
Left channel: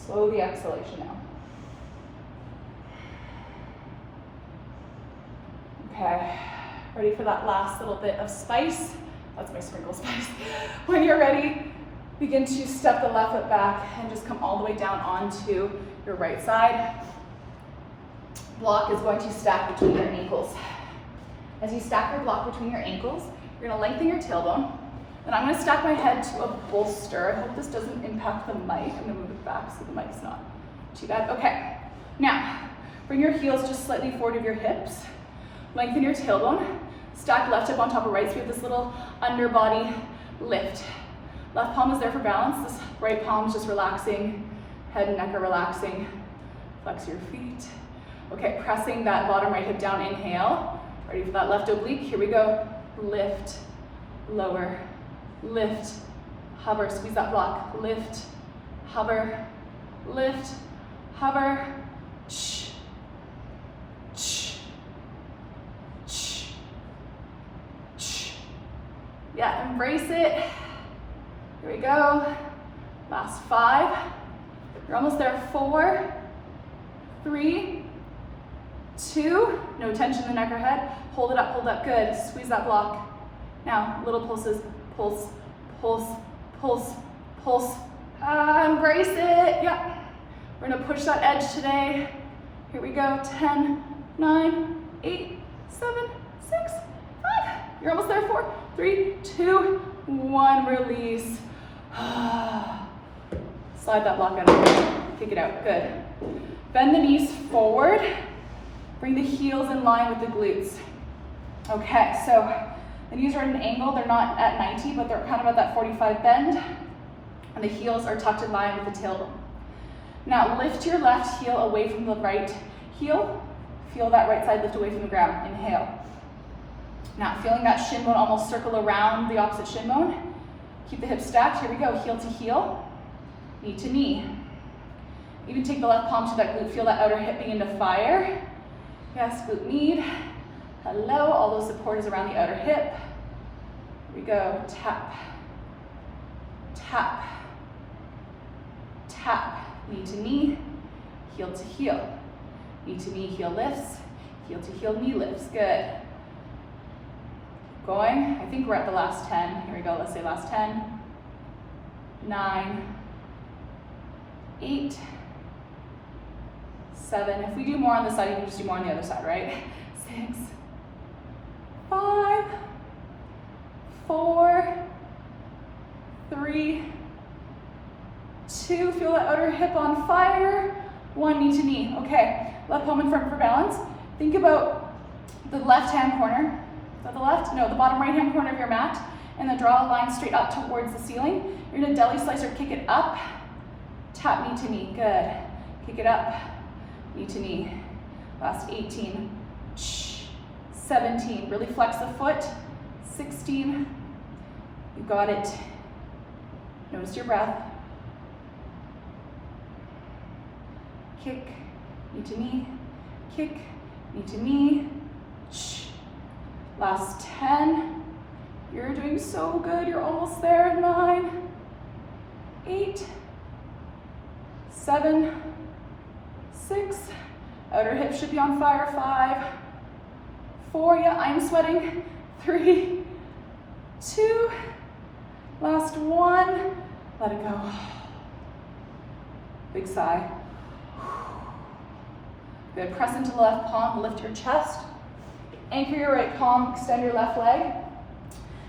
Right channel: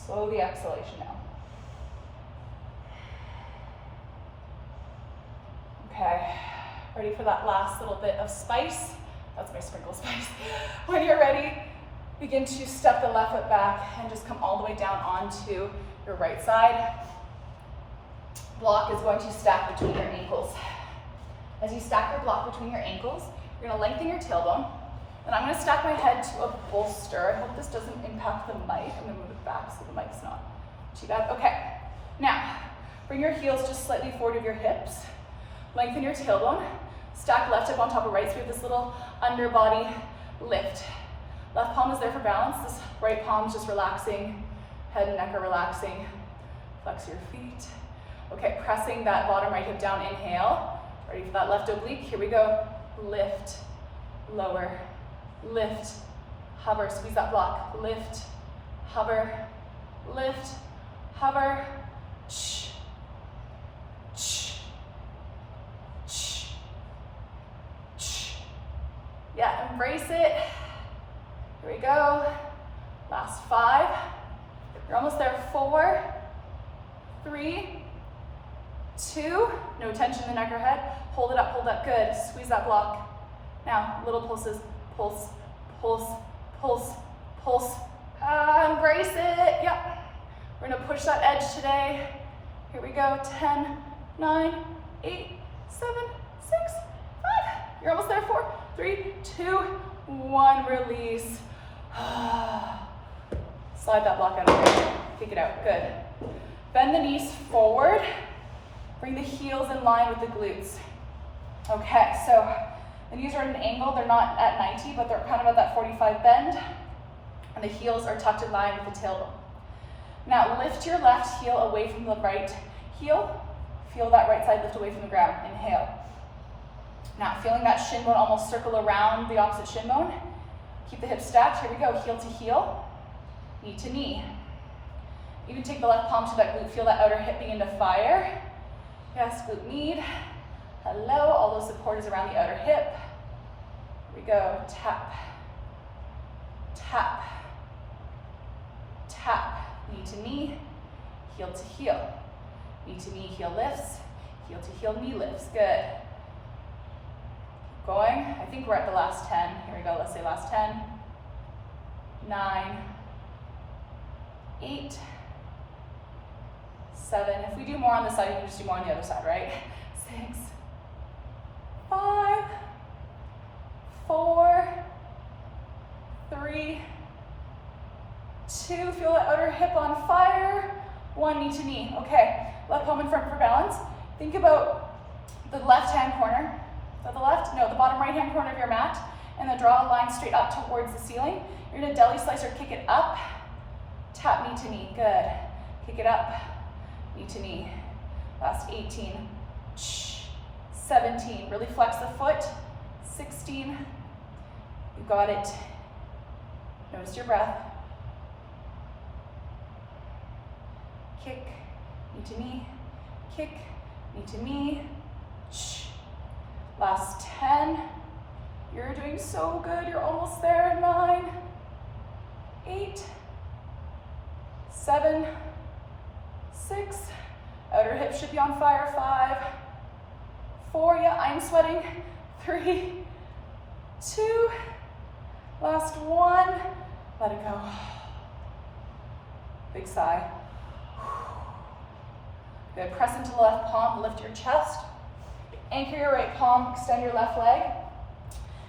Slow the exhalation now. Okay, ready for that last little bit of spice? That's my sprinkle spice. When you're ready, begin to step the left foot back and just come all the way down onto your right side. Block is going to stack between your ankles. As you stack your block between your ankles, you're gonna lengthen your tailbone. Then I'm gonna stack my head to a bolster. I hope this doesn't impact the mic. I'm gonna move it back so the mic's not too bad. Okay, now bring your heels just slightly forward of your hips. Lengthen your tailbone. Stack left hip on top of right, so we have this little underbody lift. Left palm is there for balance. This right palm is just relaxing. Head and neck are relaxing. Flex your feet. Okay, pressing that bottom right hip down, inhale. Ready for that left oblique, here we go. Lift, lower, lift, hover, squeeze that block. Lift, hover, lift, hover, shh, shh, shh, shh. Yeah, embrace it. Here we go. Last 5. You're almost there. 4, 3, 2. No tension in the neck or head. Hold it up, good. Squeeze that block. Now, little pulses. Pulse, pulse, pulse, pulse. Embrace it. Yep. We're gonna push that edge today. Here we go. 10, 9, 8, 7, 6, 5. You're almost there. 4, 3, 2, 1. Release. Slide that block out of the way. Kick it out. Good. Bend the knees forward. Bring the heels in line with the glutes. Okay, so the knees are at an angle. They're not at 90, but they're kind of at that 45 bend. And the heels are tucked in line with the tailbone. Now lift your left heel away from the right heel. Feel that right side lift away from the ground. Inhale. Now feeling that shin bone almost circle around the opposite shin bone. Keep the hips stacked. Here we go. Heel to heel, knee to knee. Even take the left palm to that glute. Feel that outer hip begin to fire. Yes, glute med. Hello. All those support is around the outer hip. Here we go. Tap, tap, tap. Knee to knee, heel to heel. Knee to knee, heel lifts. Heel to heel, knee lifts. Good. Going. I think we're at the last 10. Here we go. Let's say last 10. 9, 8, 7. If we do more on this side, you can just do more on the other side, right? 6, 5, 4, 3, 2, feel that outer hip on fire. 1, knee to knee. Okay, left palm in front for balance. Think about the left-hand corner. Is that the left? No, the bottom right-hand corner of your mat. And then draw a line straight up towards the ceiling. You're gonna deli slice or kick it up. Tap knee to knee, good. Kick it up, knee to knee. Last 18, 17, really flex the foot. 16, you got it. Notice your breath. Kick, knee to knee, kick, knee to knee. Last 10, you're doing so good, you're almost there. 9, 8, 7, 6, outer hip should be on fire. 5, 4, yeah, I'm sweating. 3, 2, last 1, let it go. Big sigh. Good, press into the left palm, lift your chest. Anchor your right palm, extend your left leg.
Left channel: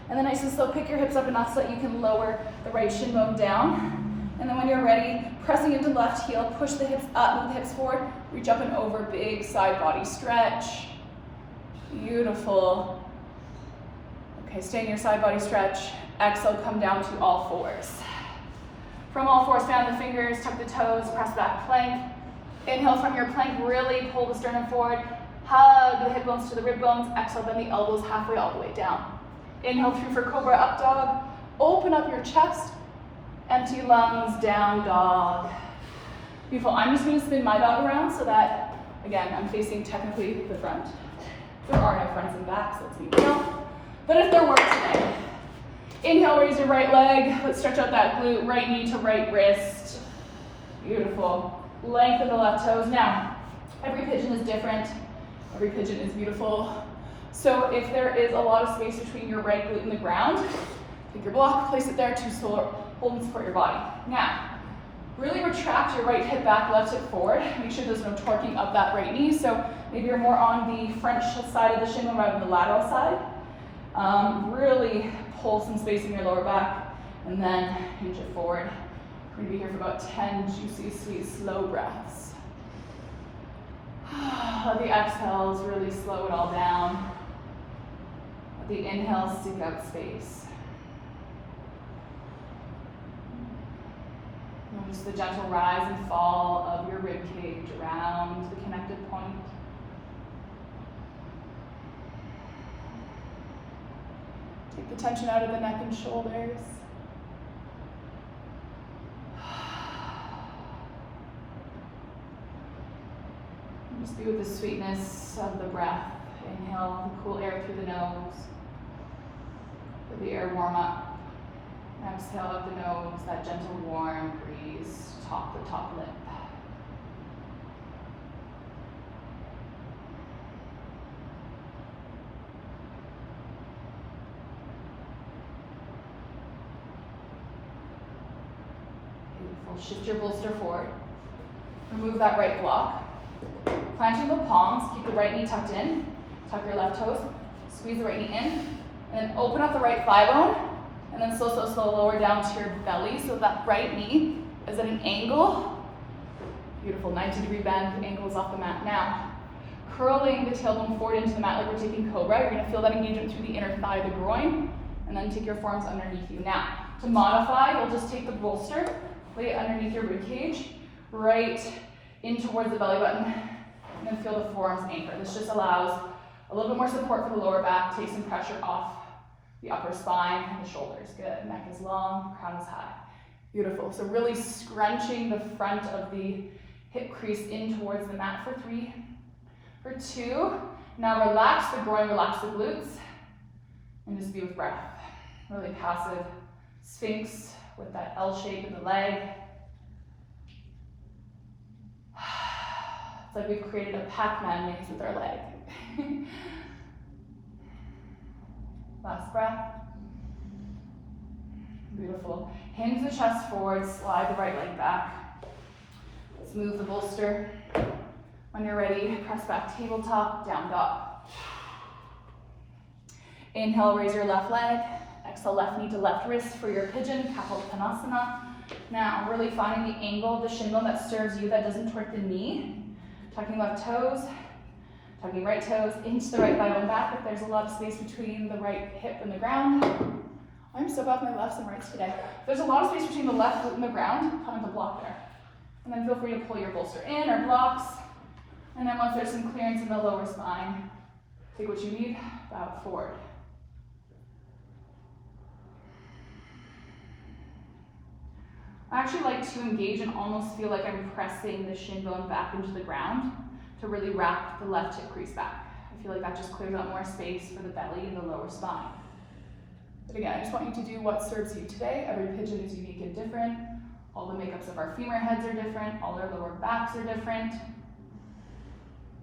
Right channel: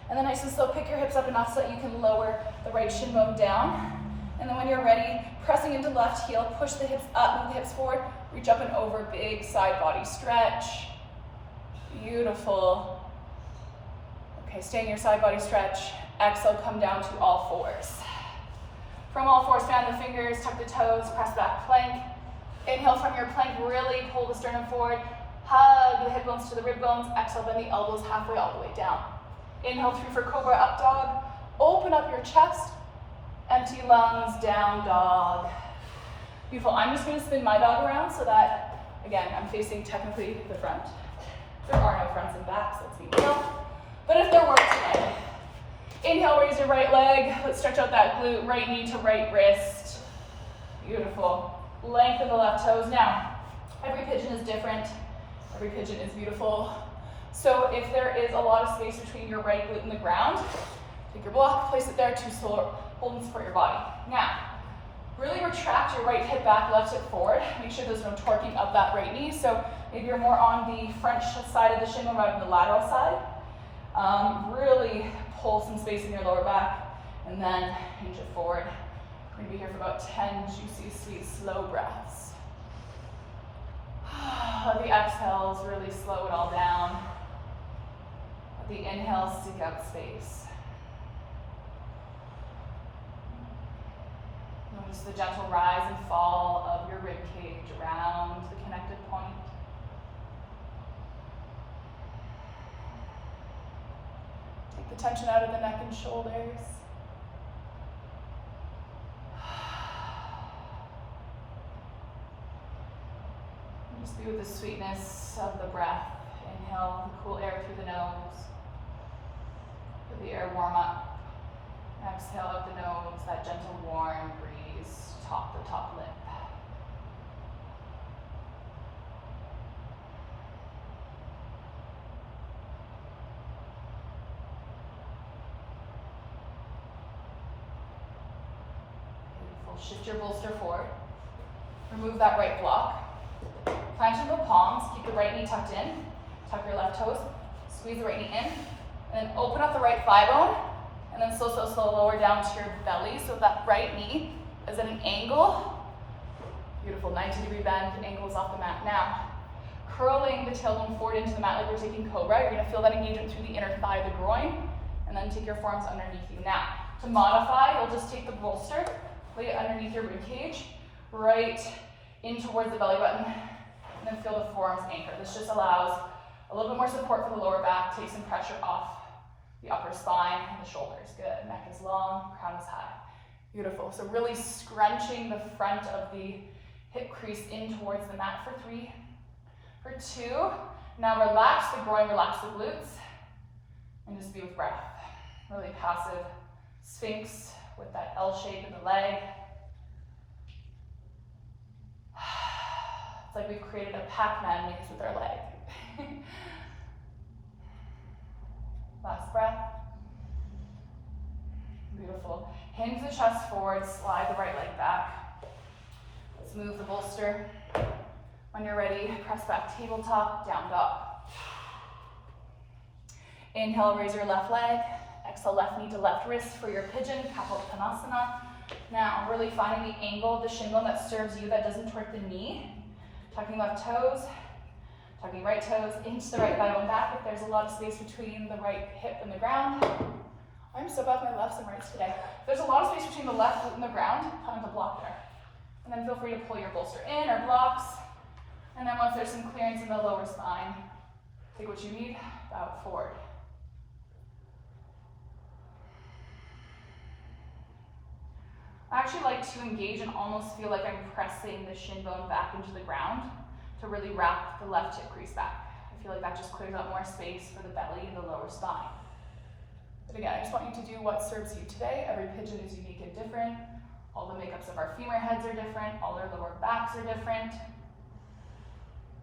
And then nice and slow, pick your hips up enough so that you can lower the right shin bone down. And then when you're ready, pressing into the left heel, push the hips up, move the hips forward, reach up and over, big side body stretch. Beautiful. Okay, stay in your side body stretch. Exhale, come down to all fours. From all fours, bend the fingers, tuck the toes, press back plank. Inhale from your plank, really pull the sternum forward. Hug the hip bones to the rib bones. Exhale, bend the elbows halfway all the way down. Inhale through for cobra, up dog. Open up your chest. Empty lungs, down dog. Beautiful. I'm just going to spin my dog around so that, again, I'm facing technically the front. There are no fronts and backs, that's easy enough. But if there weren't, inhale, raise your right leg. Let's stretch out that glute, right knee to right wrist. Beautiful. Lengthen the left toes. Now, every pigeon is different. Every pigeon is beautiful. So if there is a lot of space between your right glute and the ground, take your block, place it there to hold and support your body. Now, really retract your right hip back, left hip forward. Make sure there's no torquing up that right knee. So maybe you're more on the front side of the shin rather than the lateral side. Really pull some space in your lower back and then hinge it forward. We're gonna be here for about 10 juicy, sweet, slow breaths. Let the exhales really slow it all down. Let the inhales seek out space. Notice the gentle rise and fall of your rib cage around the connected point. Take the tension out of the neck and shoulders. Just be with the sweetness of the breath. Inhale the cool air through the nose. Let the air warm up. Exhale out the nose, that gentle warm breeze, the top lip. Beautiful. Shift your bolster forward. Remove that right block. Plant in the palms, keep the right knee tucked in, tuck your left toes, squeeze the right knee in, then open up the right thigh bone, and then slow lower down to your belly so that right knee is at an angle. Beautiful, 90-degree bend, the ankle is off the mat. Now, curling the tailbone forward into the mat like we're taking cobra. You're gonna feel that engagement through the inner thigh, the groin, and then take your forearms underneath you. Now, to modify, you'll just take the bolster, lay it underneath your rib cage, right in towards the belly button, and then feel the forearms anchor. This just allows a little bit more support for the lower back, take some pressure off the upper spine and the shoulders. Good, neck is long, crown is high. Beautiful, so really scrunching the front of the hip crease in towards the mat for 3. For 2, now relax the groin, relax the glutes, and just be with breath. Really passive sphinx with that L shape in the leg. It's like we've created a Pac-Man mix with our leg. Last breath. Beautiful. Hinge the chest forward, slide the right leg back. Let's move the bolster. When you're ready, press back tabletop, down dog. Inhale, raise your left leg. Exhale, left knee to left wrist for your pigeon, Kapalabhanasana. Now, really finding the angle of the shin bone that serves you, that doesn't hurt the knee. Tucking left toes, tucking right toes into the right thigh and back if there's a lot of space between the right hip and the ground. I'm so bad with my lefts and rights today. If there's a lot of space between the left foot and the ground, kind of a block there. And then feel free to pull your bolster in or blocks. And then once there's some clearance in the lower spine, take what you need, bow forward. I actually like to engage and almost feel like I'm pressing the shin bone back into the ground to really wrap the left hip crease back. I feel like that just clears out more space for the belly and the lower spine. But again, I just want you to do what serves you today. Every pigeon is unique and different. All the makeups of our femur heads are different. All our lower backs are different.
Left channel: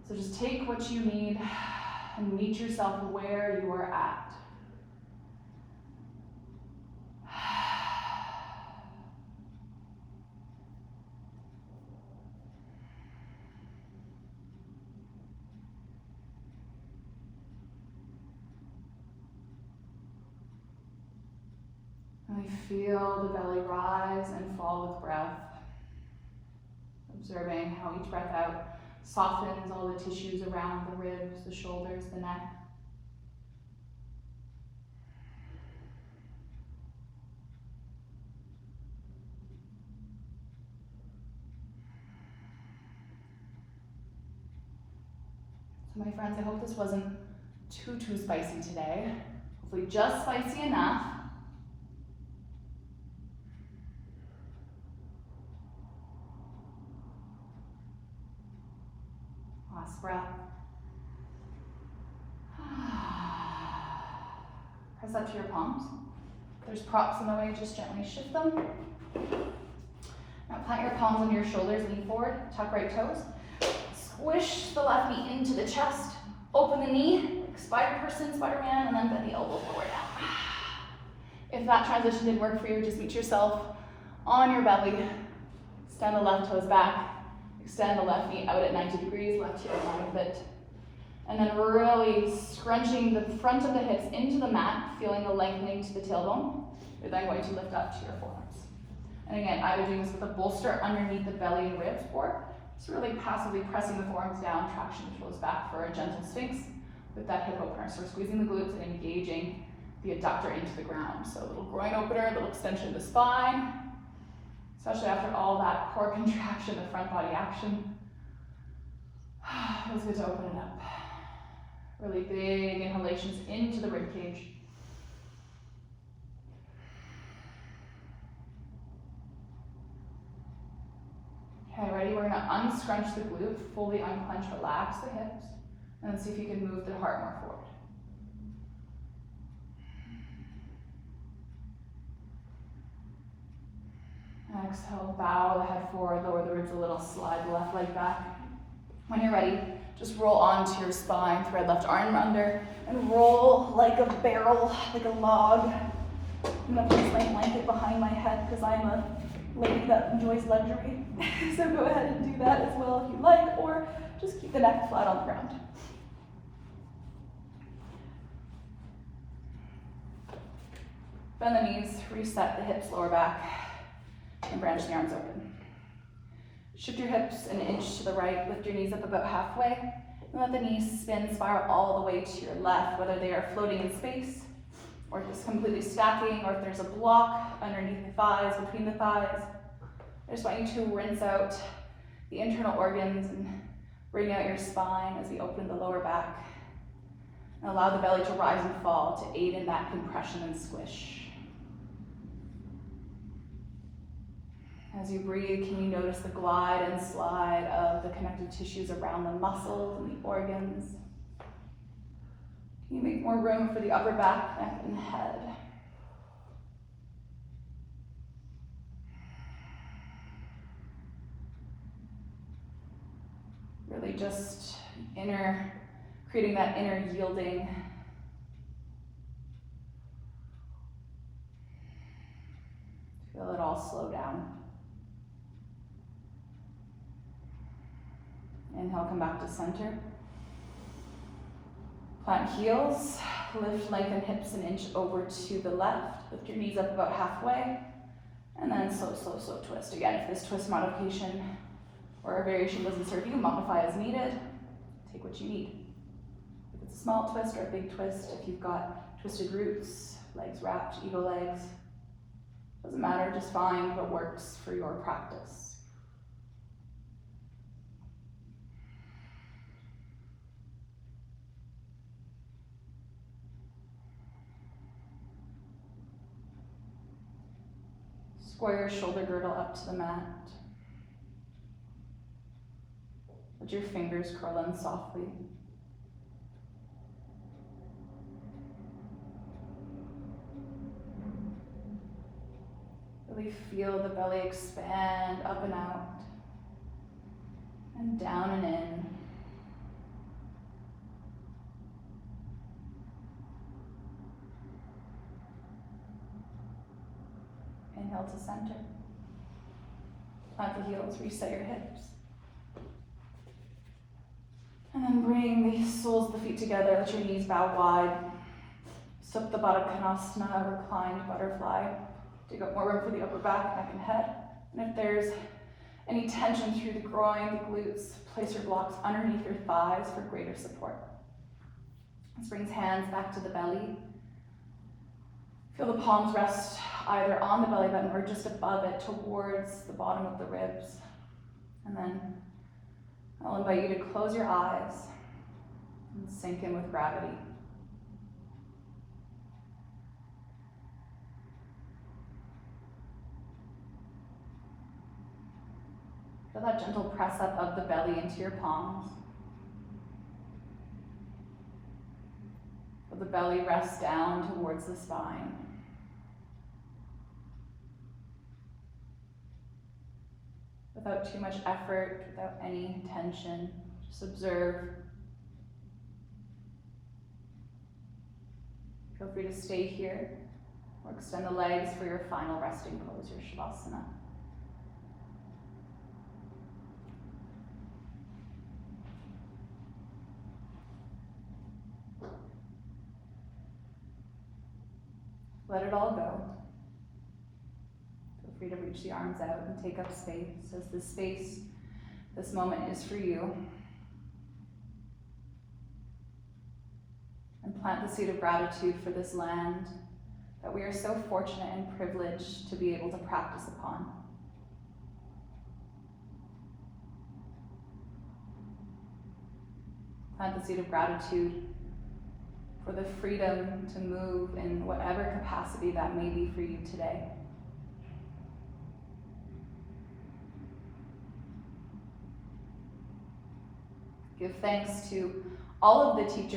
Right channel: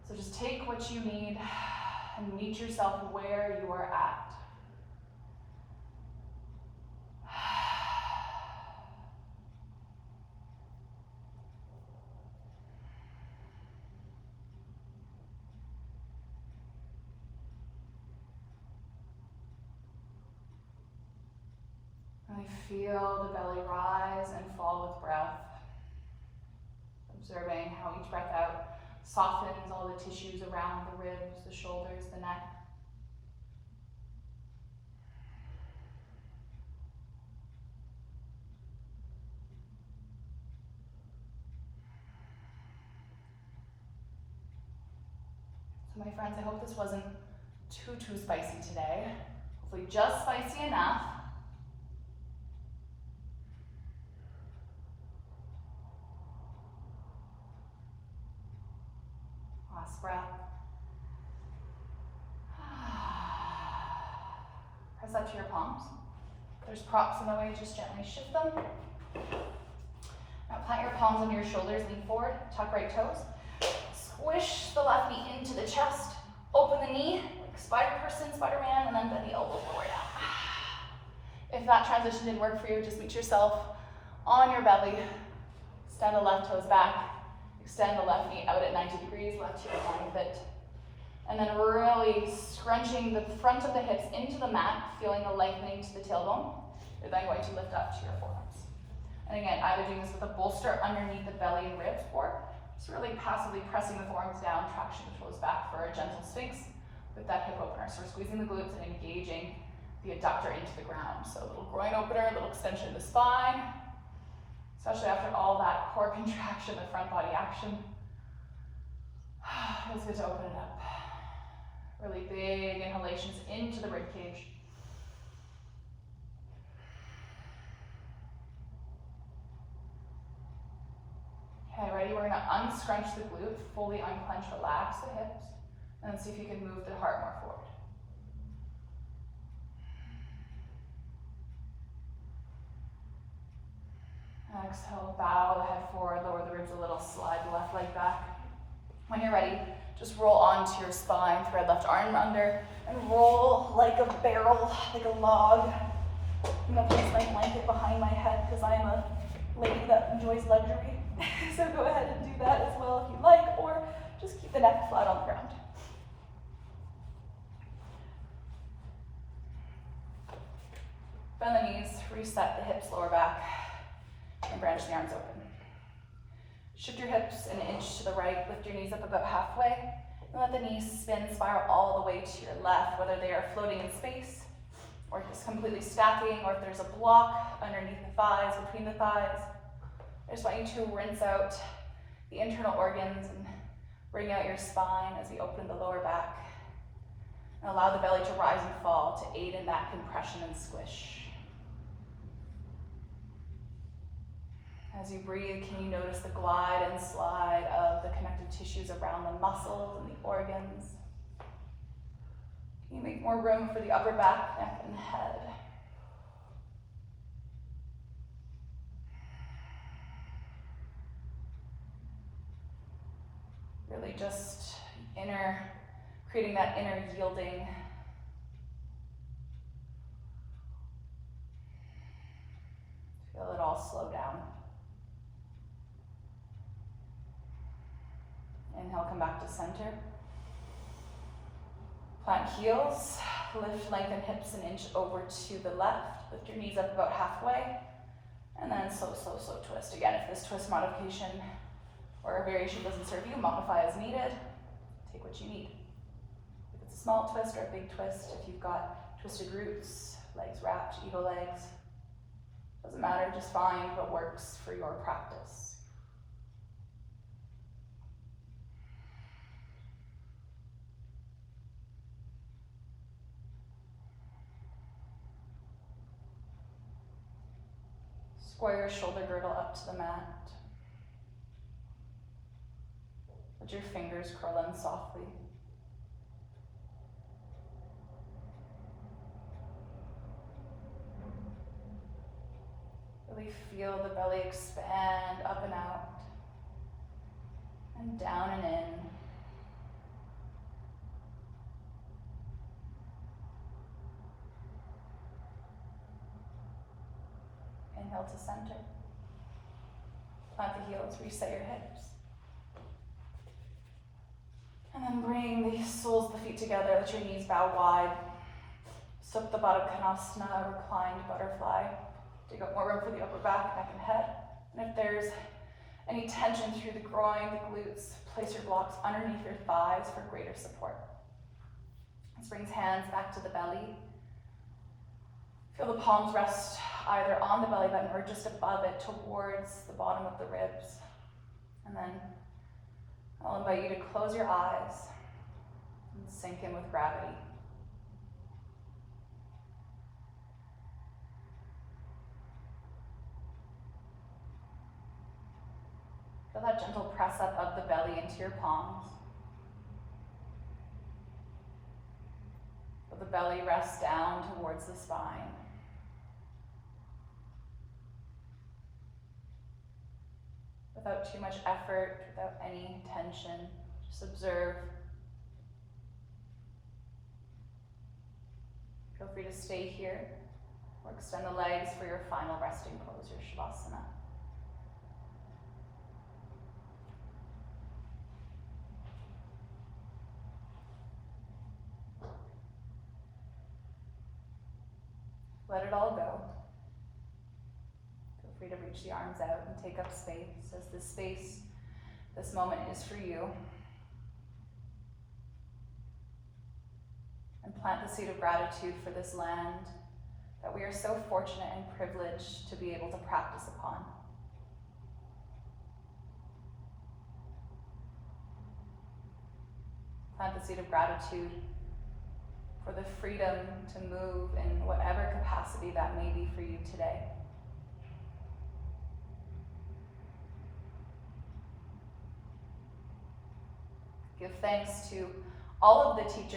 So just take what you need and meet yourself where you are at. Really feel the belly rise and fall with breath. Observing how each breath out softens all the tissues around the ribs, the shoulders, the neck. So my friends, I hope this wasn't too spicy today. Hopefully just spicy enough. Last breath. Press up to your palms. If there's props in the way, just gently shift them. Now plant your palms under your shoulders, lean forward, tuck right toes. Squish the left knee into the chest. Open the knee, spider person, Spider-Man, and then bend the elbow forward down. If that transition didn't work for you, just meet yourself on your belly. Extend the left toes back. Extend the left knee out at 90 degrees, left heel down with it. And then really scrunching the front of the hips into the mat, feeling the lengthening to the tailbone. You're then going to lift up to your forearms. And again, either doing this with a bolster underneath the belly and ribs, or just really passively pressing the forearms down, traction the toes back for a gentle sphinx with that hip opener. So we're squeezing the glutes and engaging the adductor into the ground. So a little groin opener, a little extension of the spine, especially after all that core contraction, the front body action. Feels good to open it up. Really big inhalations into the rib cage. Okay, ready? We're gonna unscrunch the glute, fully unclench, relax the hips, and then see if you can move the heart more forward. Exhale, bow the head forward, lower the ribs a little, slide the left leg back. When you're ready, just roll onto your spine, thread left arm under, and roll like a barrel, like a log. I'm gonna place my blanket behind my head because I'm a lady that enjoys luxury. So go ahead and do that as well if you like, or just keep the neck flat on the ground. Bend the knees, reset the hips, lower back, and branch the arms open. Shift your hips an inch to the right, lift your knees up about halfway, and let the knees spin, spiral all the way to your left, whether they are floating in space, or just completely stacking, or if there's a block underneath the thighs, between the thighs. I just want you to rinse out the internal organs and bring out your spine as we open the lower back, and allow the belly to rise and fall to aid in that compression and squish. As you breathe, can you notice the glide and slide of the connective tissues around the muscles and the organs? Can you make more room for the upper back, neck, and head? Really just creating that inner yielding. Feel it all slow down. Inhale, come back to center. Plant heels, lift, lengthen hips an inch over to the left. Lift your knees up about halfway, and then slow, slow, slow twist. Again, if this twist modification or a variation doesn't serve you, modify as needed. Take what you need. If it's a small twist or a big twist, if you've got twisted glutes, legs wrapped, eagle legs, doesn't matter, just find what works for your practice. Square your shoulder girdle up to the mat. Let your fingers curl in softly. Really feel the belly expand up and out, and down and in. Inhale to center. Plant the heels, reset your hips. And then bring the soles of the feet together, let your knees bow wide. Supta Baddha Konasana, reclined butterfly. Dig up more room for the upper back, neck, and head. And if there's any tension through the groin, the glutes, place your blocks underneath your thighs for greater support. This brings hands back to the belly. Feel the palms rest either on the belly button or just above it towards the bottom of the ribs. And then I'll invite you to close your eyes and sink in with gravity. Feel that gentle press up of the belly into your palms. Feel the belly rest down towards the spine. Without too much effort, without any tension, just observe. Feel free to stay here or extend the legs for your final resting pose, your Shavasana. Let it all go. Feel free to reach the arms out and take up space as this space, this moment is for you. And plant the seed of gratitude for this land that we are so fortunate and privileged to be able to practice upon. Plant the seed of gratitude for the freedom to move in whatever capacity that may be for you today. Give thanks to all of the teachers